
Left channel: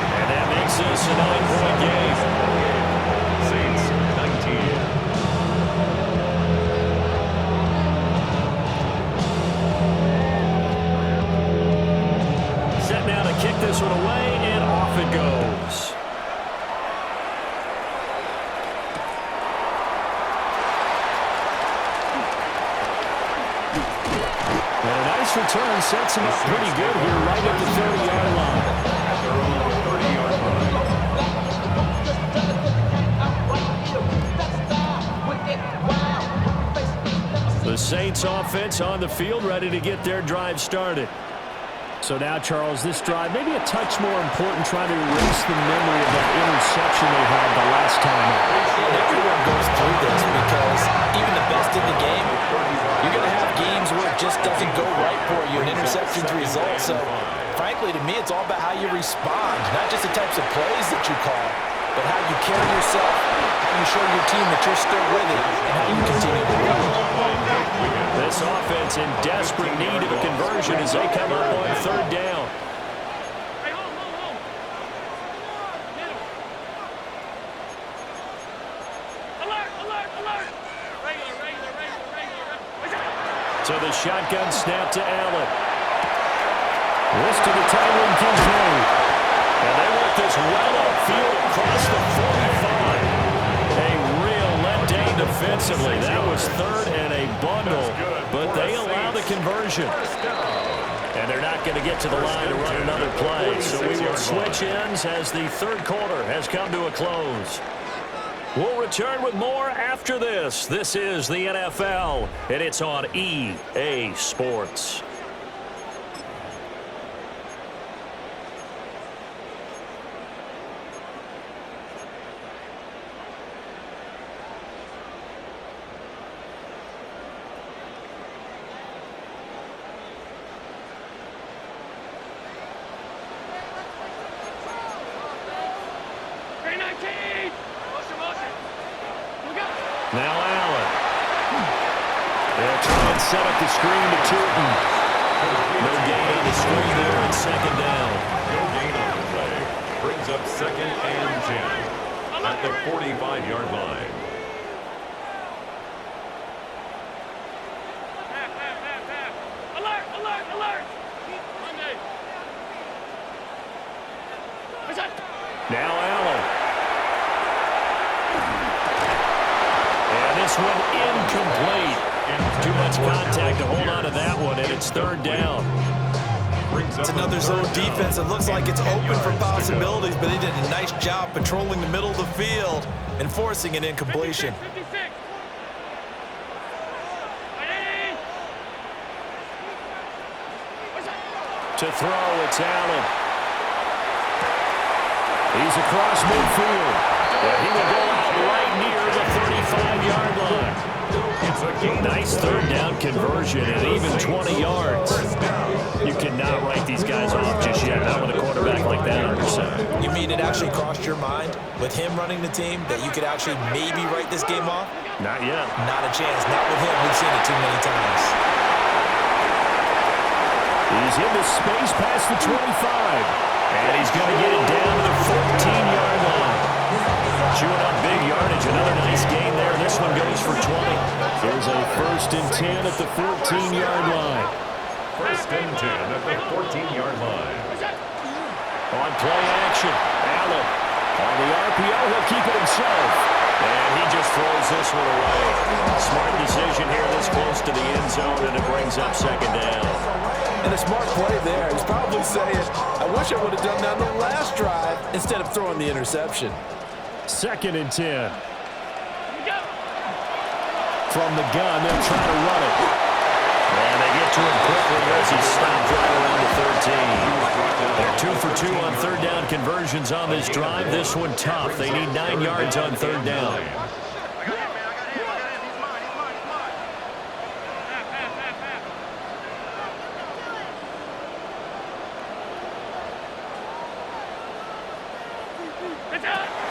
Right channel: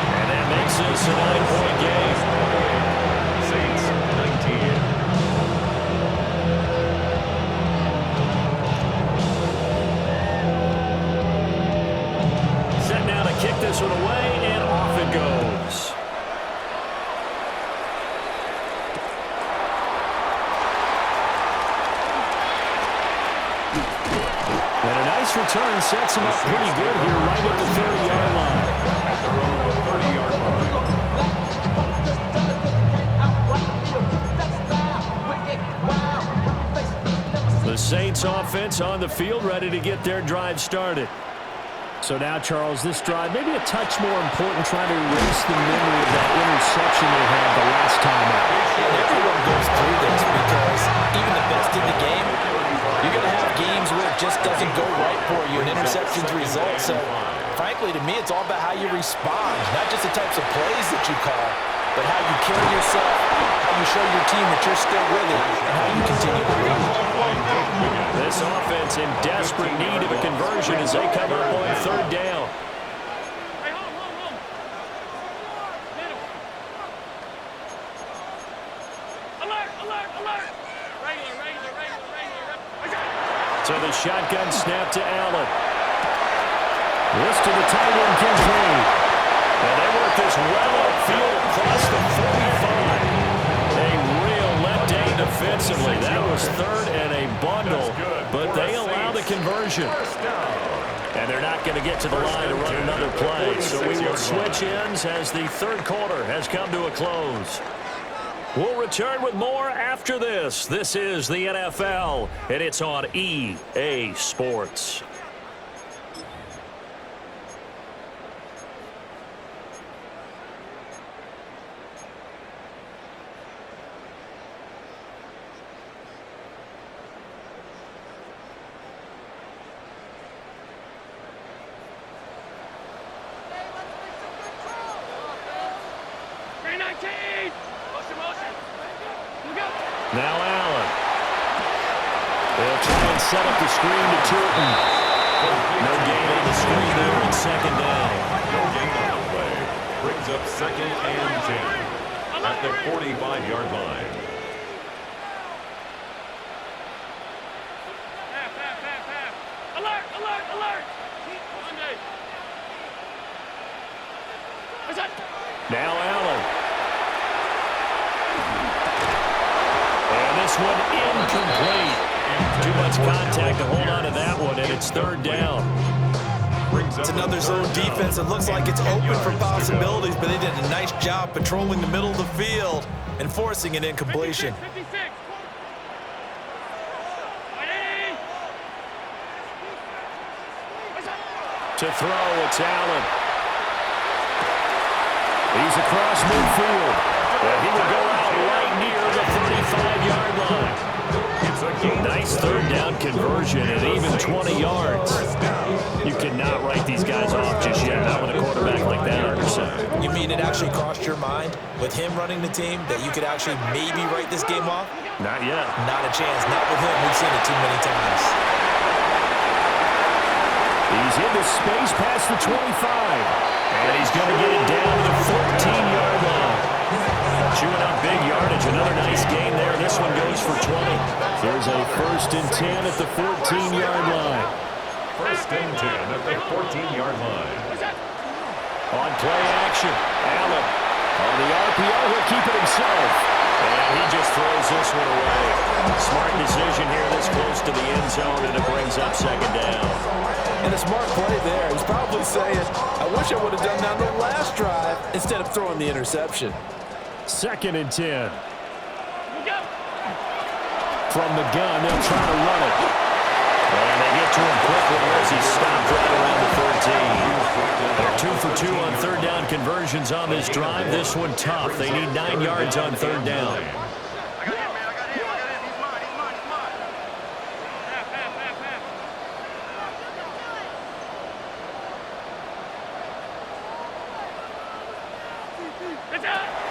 And that makes this a 9-point game. Saints 19. Set now to kick this one away, and off it goes. And a nice return sets him up pretty good here right at the 30-yard line. At their own 30-yard line. The Saints offense on the field ready to get their drive started. So now, Charles, this drive may be a touch more important, trying to erase the memory of that interception they had the last time out. And everyone goes through this because even the best in the game, you're going to have games where it just doesn't go right for you, and interceptions result. So, frankly, to me, it's all about how you respond, not just the types of plays that you call, but how you carry yourself, how you show your team that you're still with it, and how you continue to lead. This offense in desperate need of a conversion as they come up on 3rd down. Hey, home. Middle. Alert. Regular. So the shotgun snap to Allen. This to the tight end, Kincaid. And they work this well upfield across the 45. A real letdown defensively. That was 3rd and a bundle, but they allow the conversion. And they're not going to get to the line to run another play. So we will switch ends as the 3rd quarter has come to a close. We'll return with more after this. This is the NFL, and it's on EA Sports. Now Allen. They'll try and set up the screen to Tootin. No gain on the screen there and 2nd down. No gain on the play. Brings up 2nd and 10 at the 45-yard line. Half. Alert. Monday. Now Allen. And this one incomplete. Too much contact to hold on to that one, and it's 3rd down. It's another zone defense. It looks like it's open for possibilities, but they did a nice job patrolling the middle of the field and forcing an incompletion. 56. To throw, it's Allen. He's across midfield. He will go out right near the 35-yard line. Nice third down conversion and even 20 yards. You cannot write these guys off just yet, not with a quarterback like that under center. You mean it actually crossed your mind with him running the team that you could actually maybe write this game off? Not yet. Not a chance. Not with him. We've seen it too many times. He's in the space past the 25. And he's going to get it down to the 14-yard line. Chewing up big yardage. Another nice gain there. This one goes for 20. Here's a 1st and 10 at the 14-yard line. 1st and 10 at the 14-yard line. On play action, Allen. On the RPO, he'll keep it himself. And he just throws this one away. Smart decision here this close to the end zone, and it brings up 2nd down. And a smart play there. He's probably saying, I wish I would have done that on the last drive instead of throwing the interception. 2nd and 10. From the gun, they'll try to run it. And they get to him quickly as he stopped right around the 13. They're 2 for 2 on 3rd down conversions on this drive. This one tough. They need 9 yards on 3rd down.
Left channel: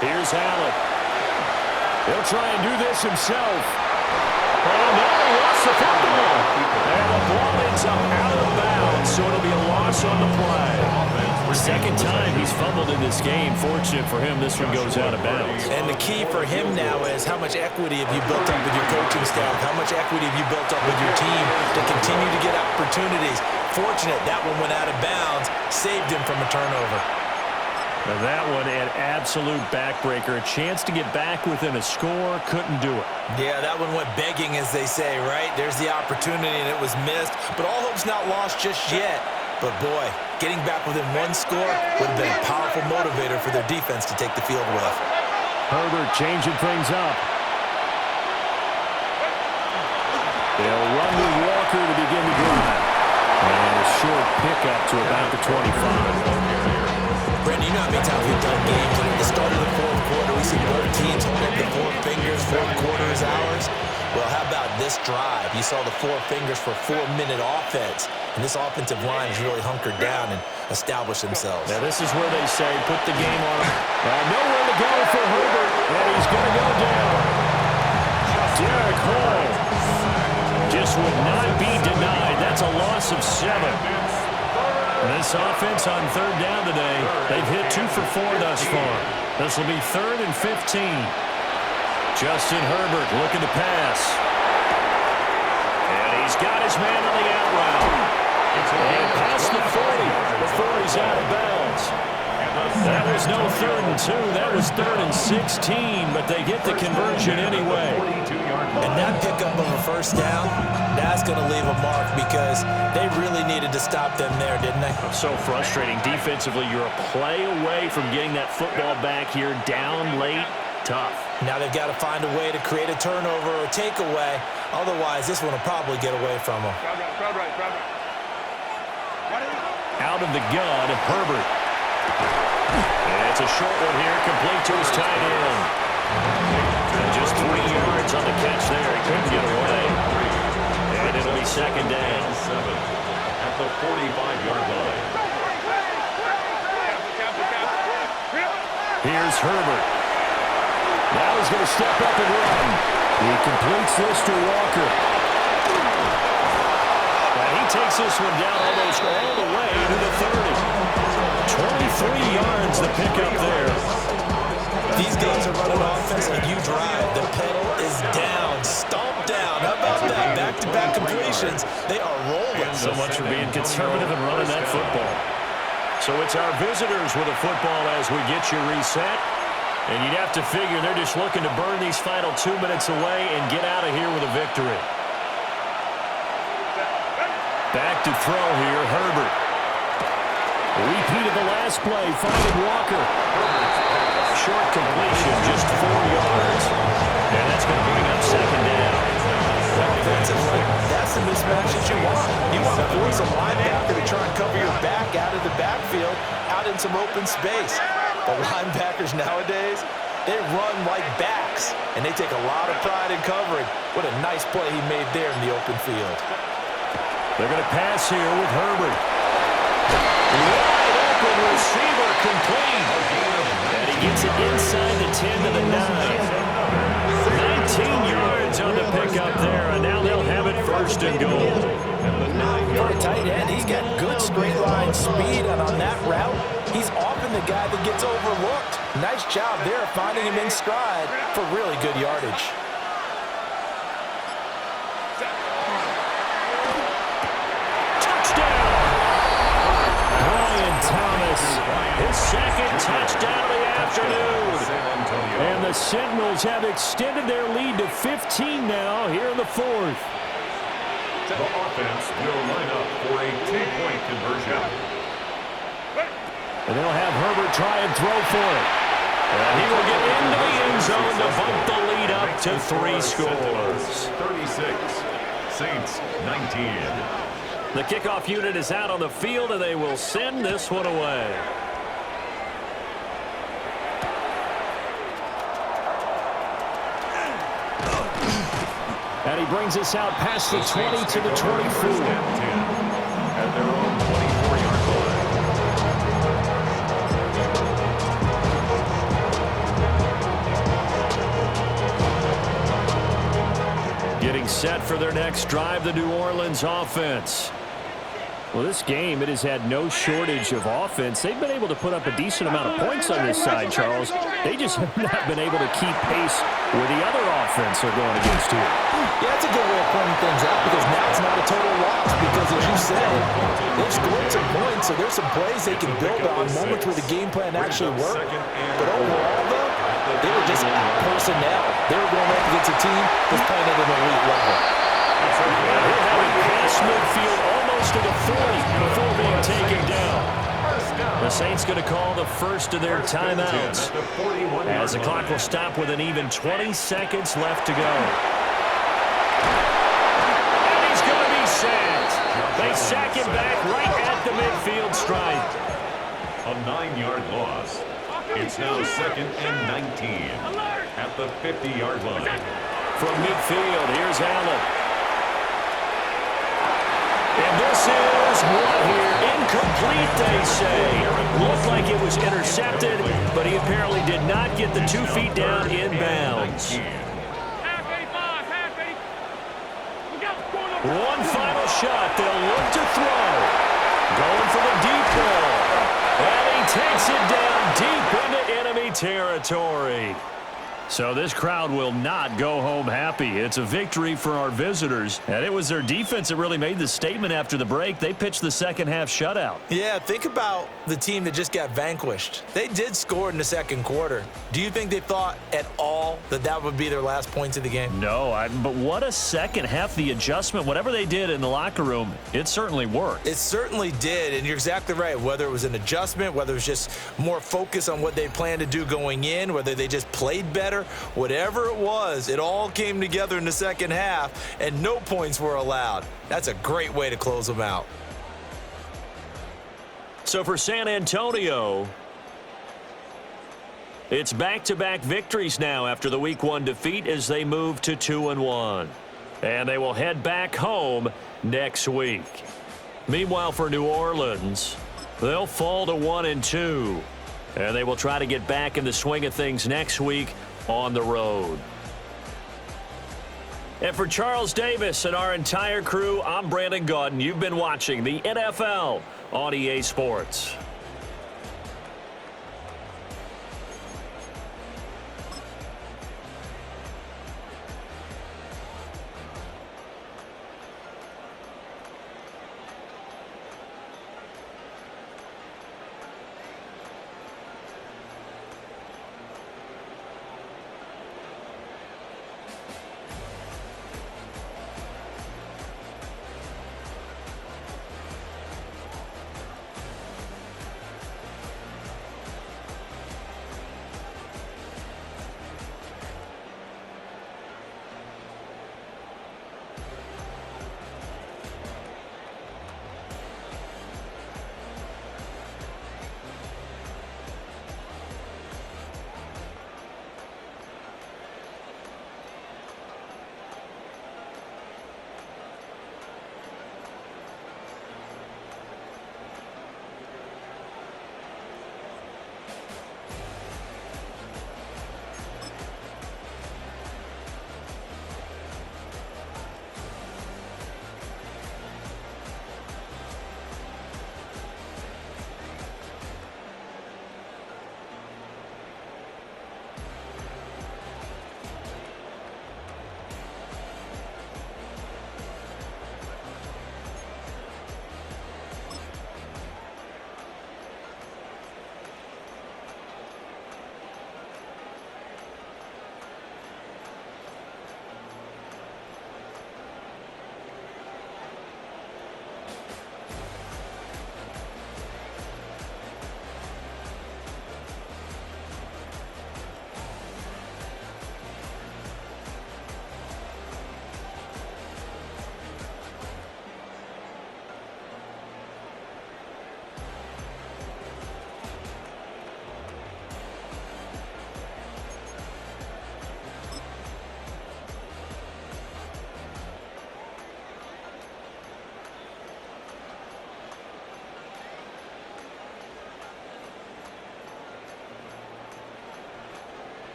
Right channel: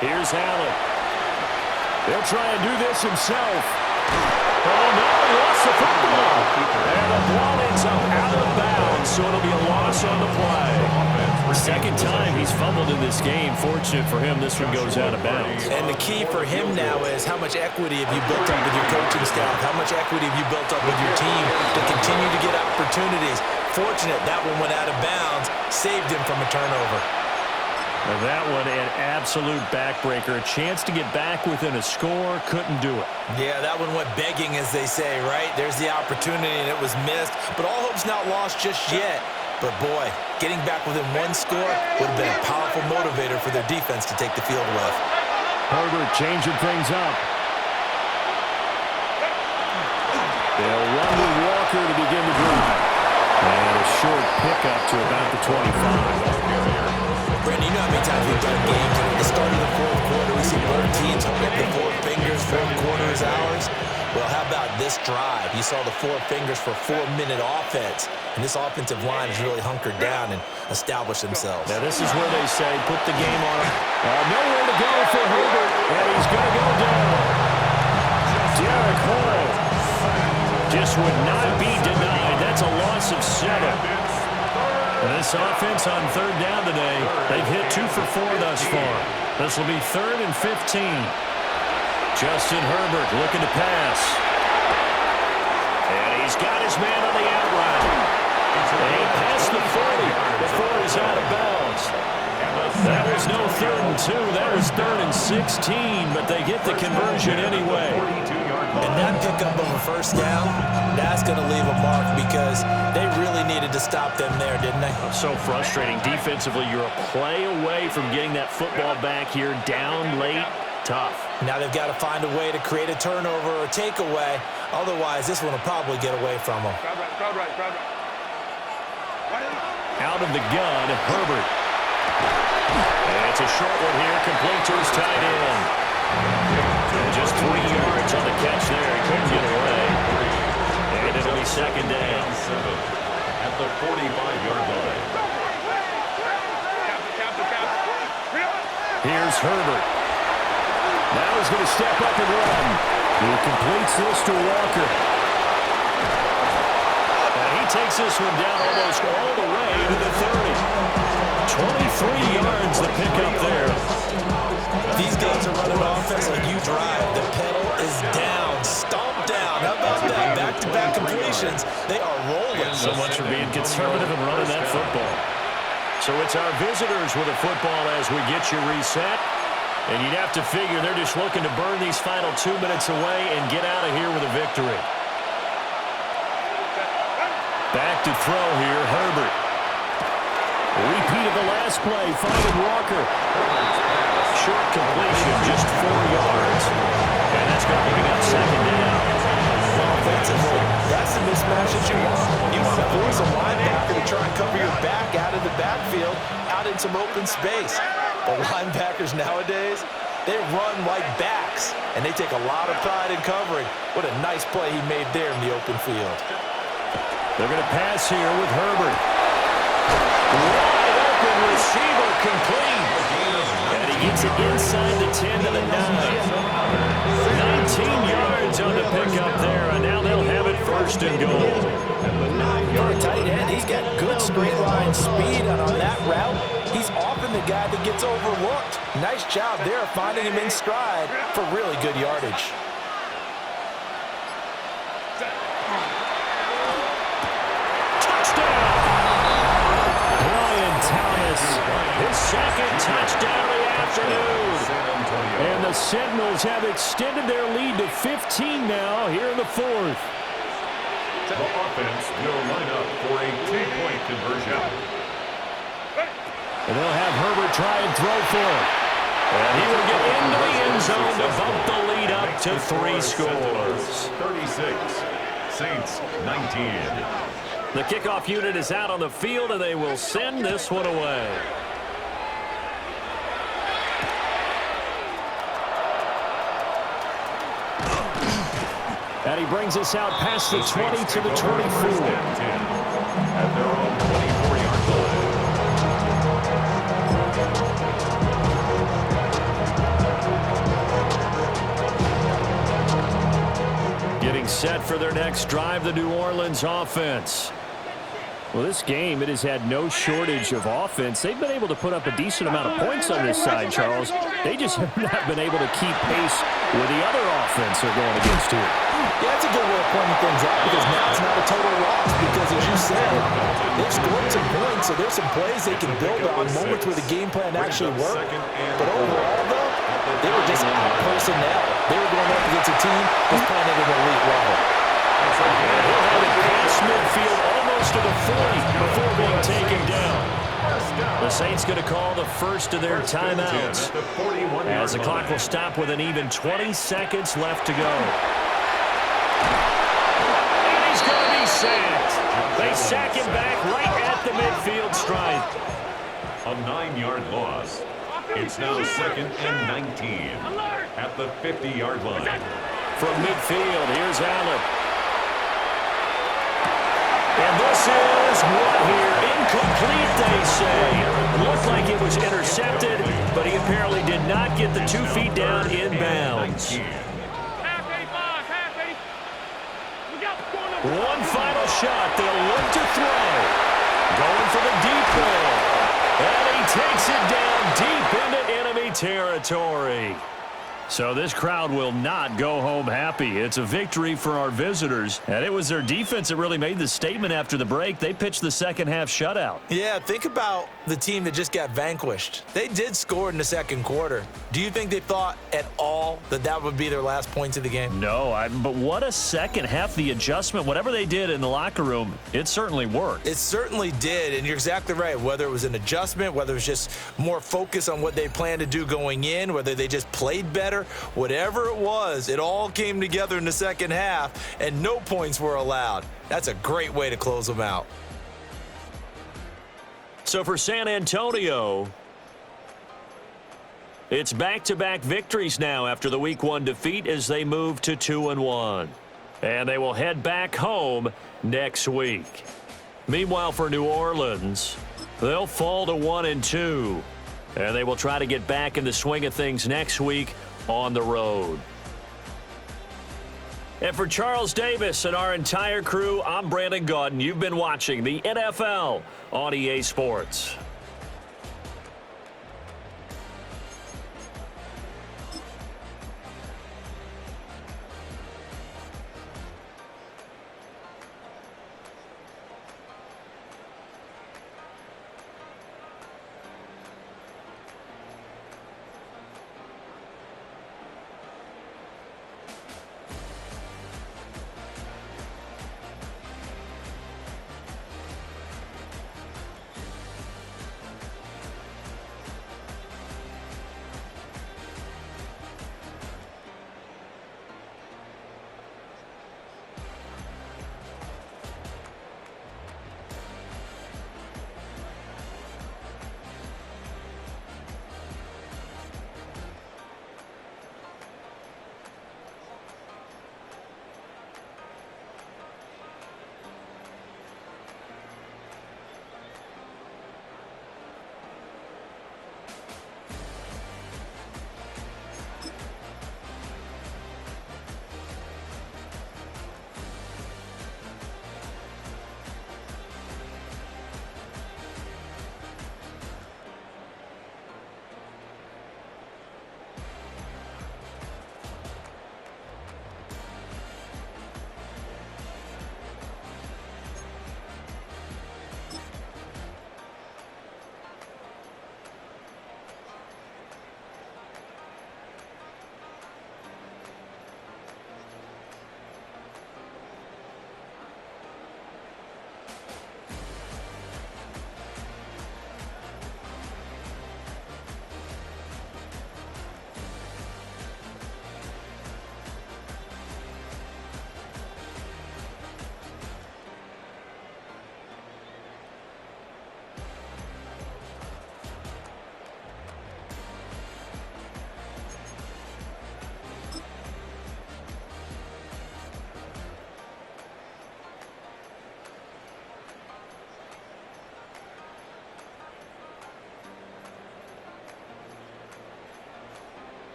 Here's Allen. He'll try and do this himself. Oh, no, he lost the football. And the ball ends up out of bounds, so it'll be a loss on the play. 2nd time he's fumbled in this game. Fortunate for him, this one goes out of bounds. And the key for him now is how much equity have you built up with your coaching staff? How much equity have you built up with your team to continue to get opportunities? Fortunate that one went out of bounds, saved him from a turnover. And that one an absolute backbreaker. A chance to get back within a score, couldn't do it. Yeah, that one went begging, as they say, right? There's the opportunity, and it was missed. But all hope's not lost just yet. But, boy, getting back within 1 score would have been a powerful motivator for their defense to take the field with. Herbert changing things up. They'll run with Walker to begin the drive. And a short pickup to about the 25. Brandon, you know how many times we've done games, and at the start of the 4th quarter, we see both teams hold up the 4 fingers, 4th quarter is ours. Well, how about this drive? You saw the 4 fingers for 4-minute offense, and this offensive line has really hunkered down and established themselves. Now, this is where they say, put the game on him. Nowhere to go for Herbert, and he's going to go down. Derek Hall just would not be denied. That's a loss of 7. And this offense on 3rd down today, they've hit 2 for 4 thus far. This will be 3rd and 15. Justin Herbert looking to pass. And he's got his man on the out route. And past the 40 before he's out of bounds. That was no 3rd and 2. That was 3rd and 16, but they get the conversion anyway. And that pickup of a 1st down, that's going to leave a mark because they really needed to stop them there, didn't they? So frustrating. Defensively, you're a play away from getting that football back here down late. Tough. Now they've got to find a way to create a turnover or takeaway. Otherwise, this one will probably get away from them. Crowd right. Out of the gun, Herbert. And it's a short one here, complete to his tight end. And just 3 yards on the catch there. He couldn't get away. And it'll be 2nd down. 7 at the 45-yard line. Here's Herbert. Now he's going to step up and run. He completes this to Walker. And he takes this one down almost all the way to the 30. 23 yards the pickup there. These guys are running offense like you drive. The pedal is down, stomp down. How about that? Back-to-back completions. They are rolling. So much for being conservative and running that football. So it's our visitors with a football as we get you reset. And you'd have to figure they're just looking to burn these final 2 minutes away and get out of here with a victory. Back to throw here, Herbert. Repeat of the last play, finding Walker. Short completion, just 4 yards. And that's going to bring up 2nd down. Offensively, that's that's the mismatch that you want. You want to force a linebacker to try and cover your back out of the backfield, out in some open space. The linebackers nowadays, they run like backs, and they take a lot of pride in covering. What a nice play he made there in the open field. They're going to pass here with Herbert. Wide open receiver complete. And he gets it inside the 10 to the 9. 19 yards on the pickup there, and now they'll have it first and goal. For a tight end, he's got good straight line speed, and on that route, he's often the guy that gets overlooked. Nice job there finding him in stride for really good yardage. Touchdown! Brian Thomas, his second touchdown of the afternoon. And the Sentinels have extended their lead to 15 now here in the fourth. The offense will line up for a two-point conversion. And they'll have Herbert try and throw for it. And he will get into the end zone to bump the lead up to 3 scores. 36, Saints 19. The kickoff unit is out on the field, and they will send this one away. And he brings us out past the 20 to the 24. At their own 24-yard line. Getting set for their next drive, the New Orleans offense. Well, this game, it has had no shortage of offense. They've been able to put up a decent amount of points on this side, Charles. They just have not been able to keep pace with the other offense they're going against here. Yeah, that's a good way of pointing things out, because now it's not a total loss, because as you said, they've scored some points, so there's some plays they can build on, moments where the game plan actually worked. But overall, though, they were just out personnel. They were going up against a team that's playing at an elite level. And he'll have it past midfield almost to the 40 before being taken down. The Saints going to call the first of their timeouts, as the clock will stop with an even 20 seconds left to go. And he's going to be sacked. They sack him back right at the midfield stripe. A 9-yard loss. It's now second and 19 at the 50-yard line. From midfield, here's Allen. And this is what here? Incomplete, they say. Looked like it was intercepted, but he apparently did not get the 2 feet down in bounds. Half 85, half 80. Look out, One final shot. They'll look to throw. Going for the deep ball. And he takes it down deep into enemy territory. So this crowd will not go home happy. It's a victory for our visitors. And it was their defense that really made the statement after the break. They pitched the second half shutout. Yeah, think about the team that just got vanquished. They did score in the second quarter. Do you think they thought at all that that would be their last points of the game? No, but what a second half. The adjustment, whatever they did in the locker room, it certainly worked. It certainly did, and you're exactly right. Whether it was an adjustment, whether it was just more focus on what they planned to do going in, whether they just played better, whatever it was, it all came together in the second half, and no points were allowed. That's a great way to close them out. So for San Antonio, it's back-to-back victories now after the Week 1 defeat as they move to 2-1. And they will head back home next week. Meanwhile, for New Orleans, they'll fall to 1-2. And they will try to get back in the swing of things next week on the road. And for Charles Davis and our entire crew, I'm Brandon Gaudin. You've been watching the NFL on EA Sports.